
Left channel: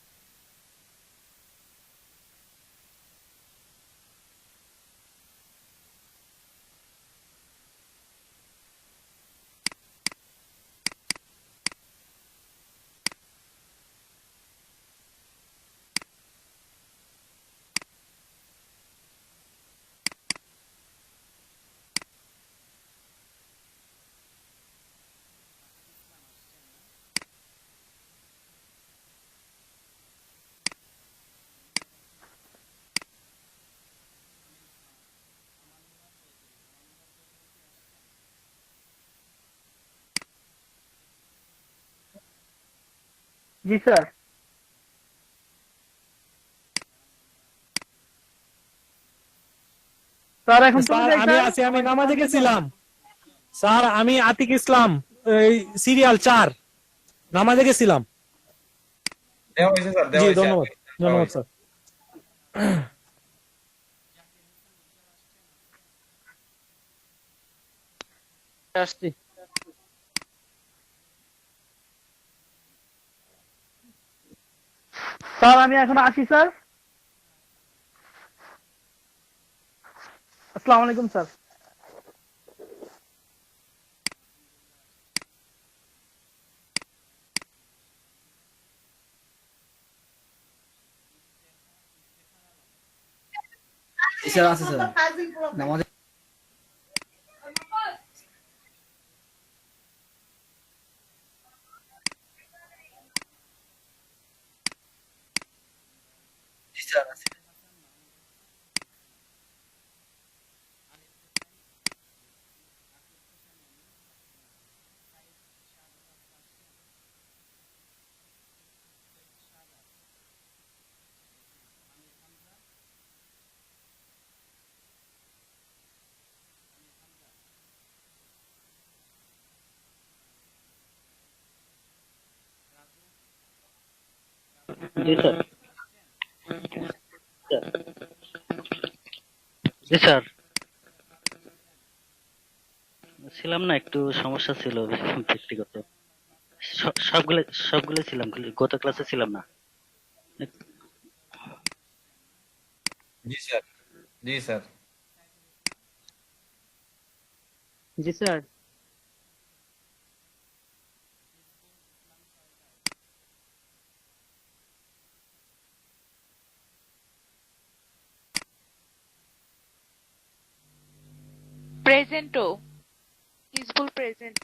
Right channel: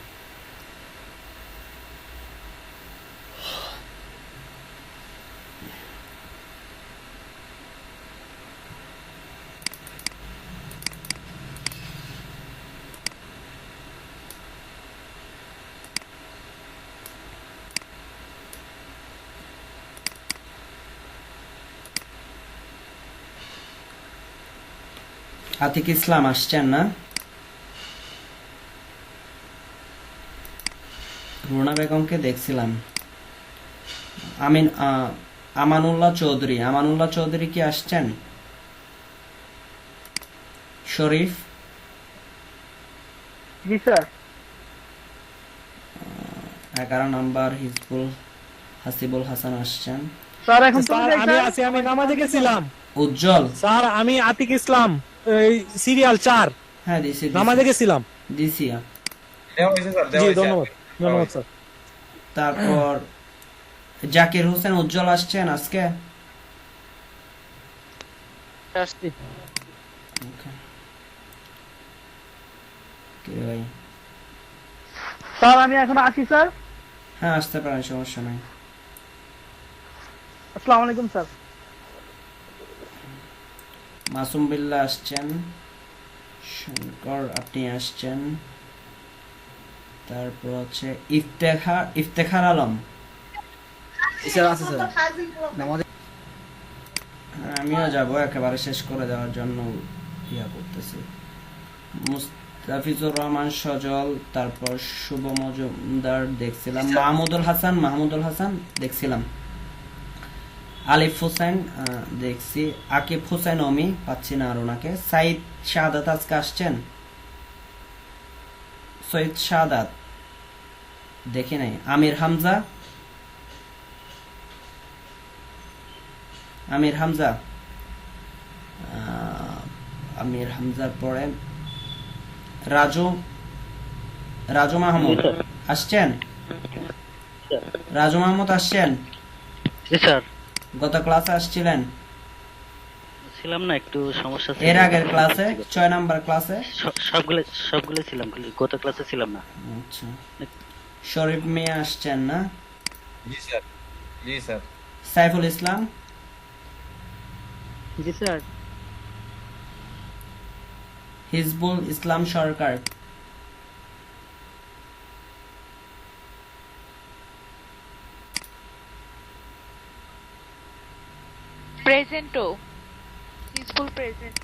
আতিক ইসলাম আসছেন না? রুনা বেগমকে দেখছিলাম। আমানুল্লাহ চৌধুরী কি আসছেন? শরীফ? জি স্যার। 11 নাম্বার হাসিবুল হাসান আসছেন। স্যার এখন আমি আছি, আমি নামাজে গেছিলাম। উজ্জ্বল? স্যার আমি আতিক ইসলাম, সিরিয়াল 4। হ্যাঁ দিছি নামাজে গেছিলাম। দিছি। দেওয়া হয়েছে স্যার, দেওয়া জি হয়েছে। ধন্যবাদ, ধন্যবাদ স্যার। তারপর জাকির হোসেন উজ্জ্বল আসছেন আজকে? আসছি। কে ভাই? স্যার আমি এখন আসি স্যার। হ্যাঁ আসতে পারেন, সমস্যা নাই। আসসালামু আলাইকুম স্যার। মাসুম বিল্লাহ আসছেন, শঙ্কর আপনি আসছেন, তারপর হচ্ছে ইফতেখার আলম। স্যার আছে স্যার নামাজ হ্যাঁ, আমিও যাব একেবারে শেষ করে দেওয়ার জন্য ইয়া করতেছি। মুস্তাফিজুর রহমান সজল, তারপর শুভ মজুমদার দেখছিলাম, মাহমুদুল হাসান দেখছিলাম, আলিফ হোসেন দেখছি, আকিব হোসেন অমি পাচ্ছি না আর ওনাকে। সাইদ শাহাদাত আজকে আসছেন? সৈয়দ শাহাদাত দেখি নাই। আমির হামজা, আমির হামজার পরে রাজু মাহমুদ আসছেন? রাজু মাহমুদ আসছেন? জি স্যার, গত ক্লাসে আসছিলেন? ছিলাম না, একটু সমস্যা ছিল। এর আগের ক্লাসে 6 নাম্বার ক্লাসে? সবগুলো ছিলাম, খালি গত ক্লাসে ছিলাম না। আচ্ছা, শরীফ মিয়া আসছেন না? জি স্যার, জি স্যার। সাইফুল ইসলাম? জি স্যার। হিজবুল ইসলাম সরকার? প্রেজেন্টও হিজবুল প্রেজেন্ট।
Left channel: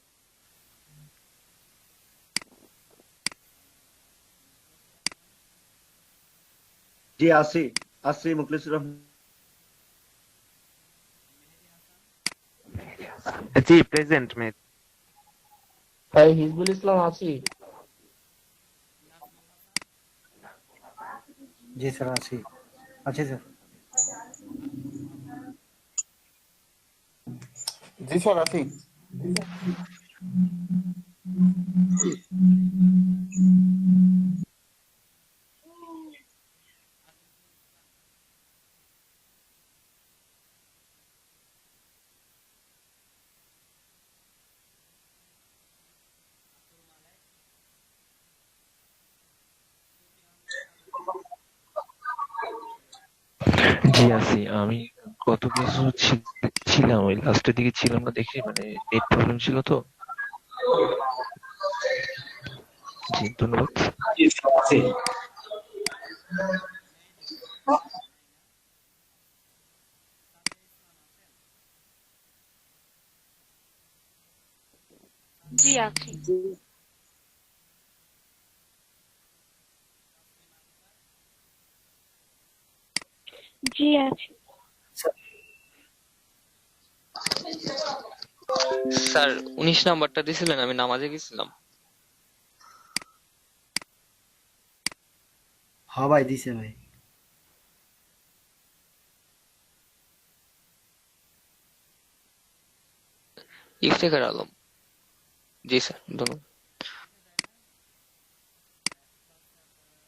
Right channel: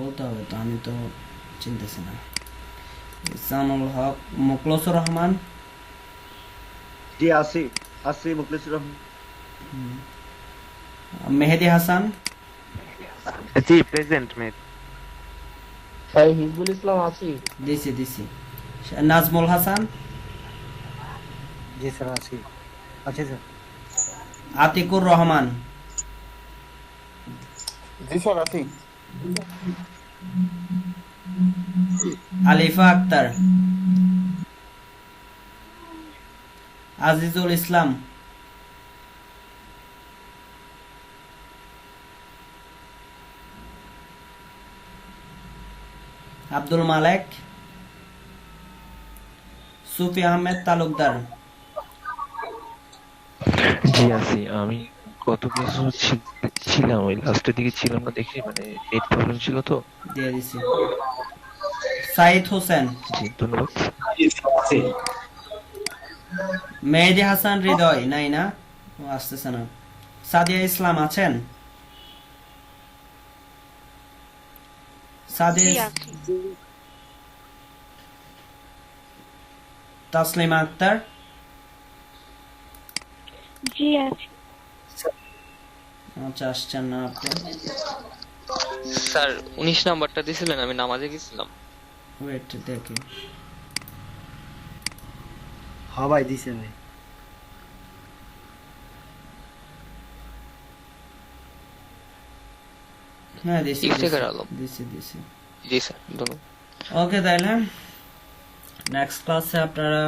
বলতে হবে তো, আমি তো চিনতেছি না। ইসানুল হক, মুখলেসুর রহমান? জি আসি মুখলিসুর রহমান। মেহেদি হাসান? জি প্রেজেন্ট মেট। ভাই হিজবুল ইসলাম আছি। দিছি। নাজমুল হাসান? জি স্যার আছি স্যার। আতিকুর রহমান? জি স্যার আছি। আলিফা আক্তার? আজিজুল ইসলাম? আব্দুল মালেক? সুফি আহমেদ তালুকদার? জি আছি। আমি গত ক্লাসে ছিলাম, ওই লাস্টের দিকে ছিলাম না দেখি, মানে নেট প্রবলেম ছিল তো। দিয়ে দিছি। সাইদ হোসেন? জি ধন্যবাদ। মেহেদি হাসান হৃদয়? নাই না, ও আসতেছে না। সাদিয়া ইসলাম আছেন? তাসলিমা আক্তার? জি আছি। আচ্ছা, আসছেন না আপনি। স্যার 19 নাম্বারটা দিছিলেন, আমি নামাজে গেছিলাম। ওয়েট দেখি। হ্যাঁ ভাই দিছে ভাই। হ্যাঁ দিছি। ইফতেখার আলম। দিছি। জি স্যার, ধন্যবাদ। ওকে, তাইলে নেক্সট ক্লাসে আপনারা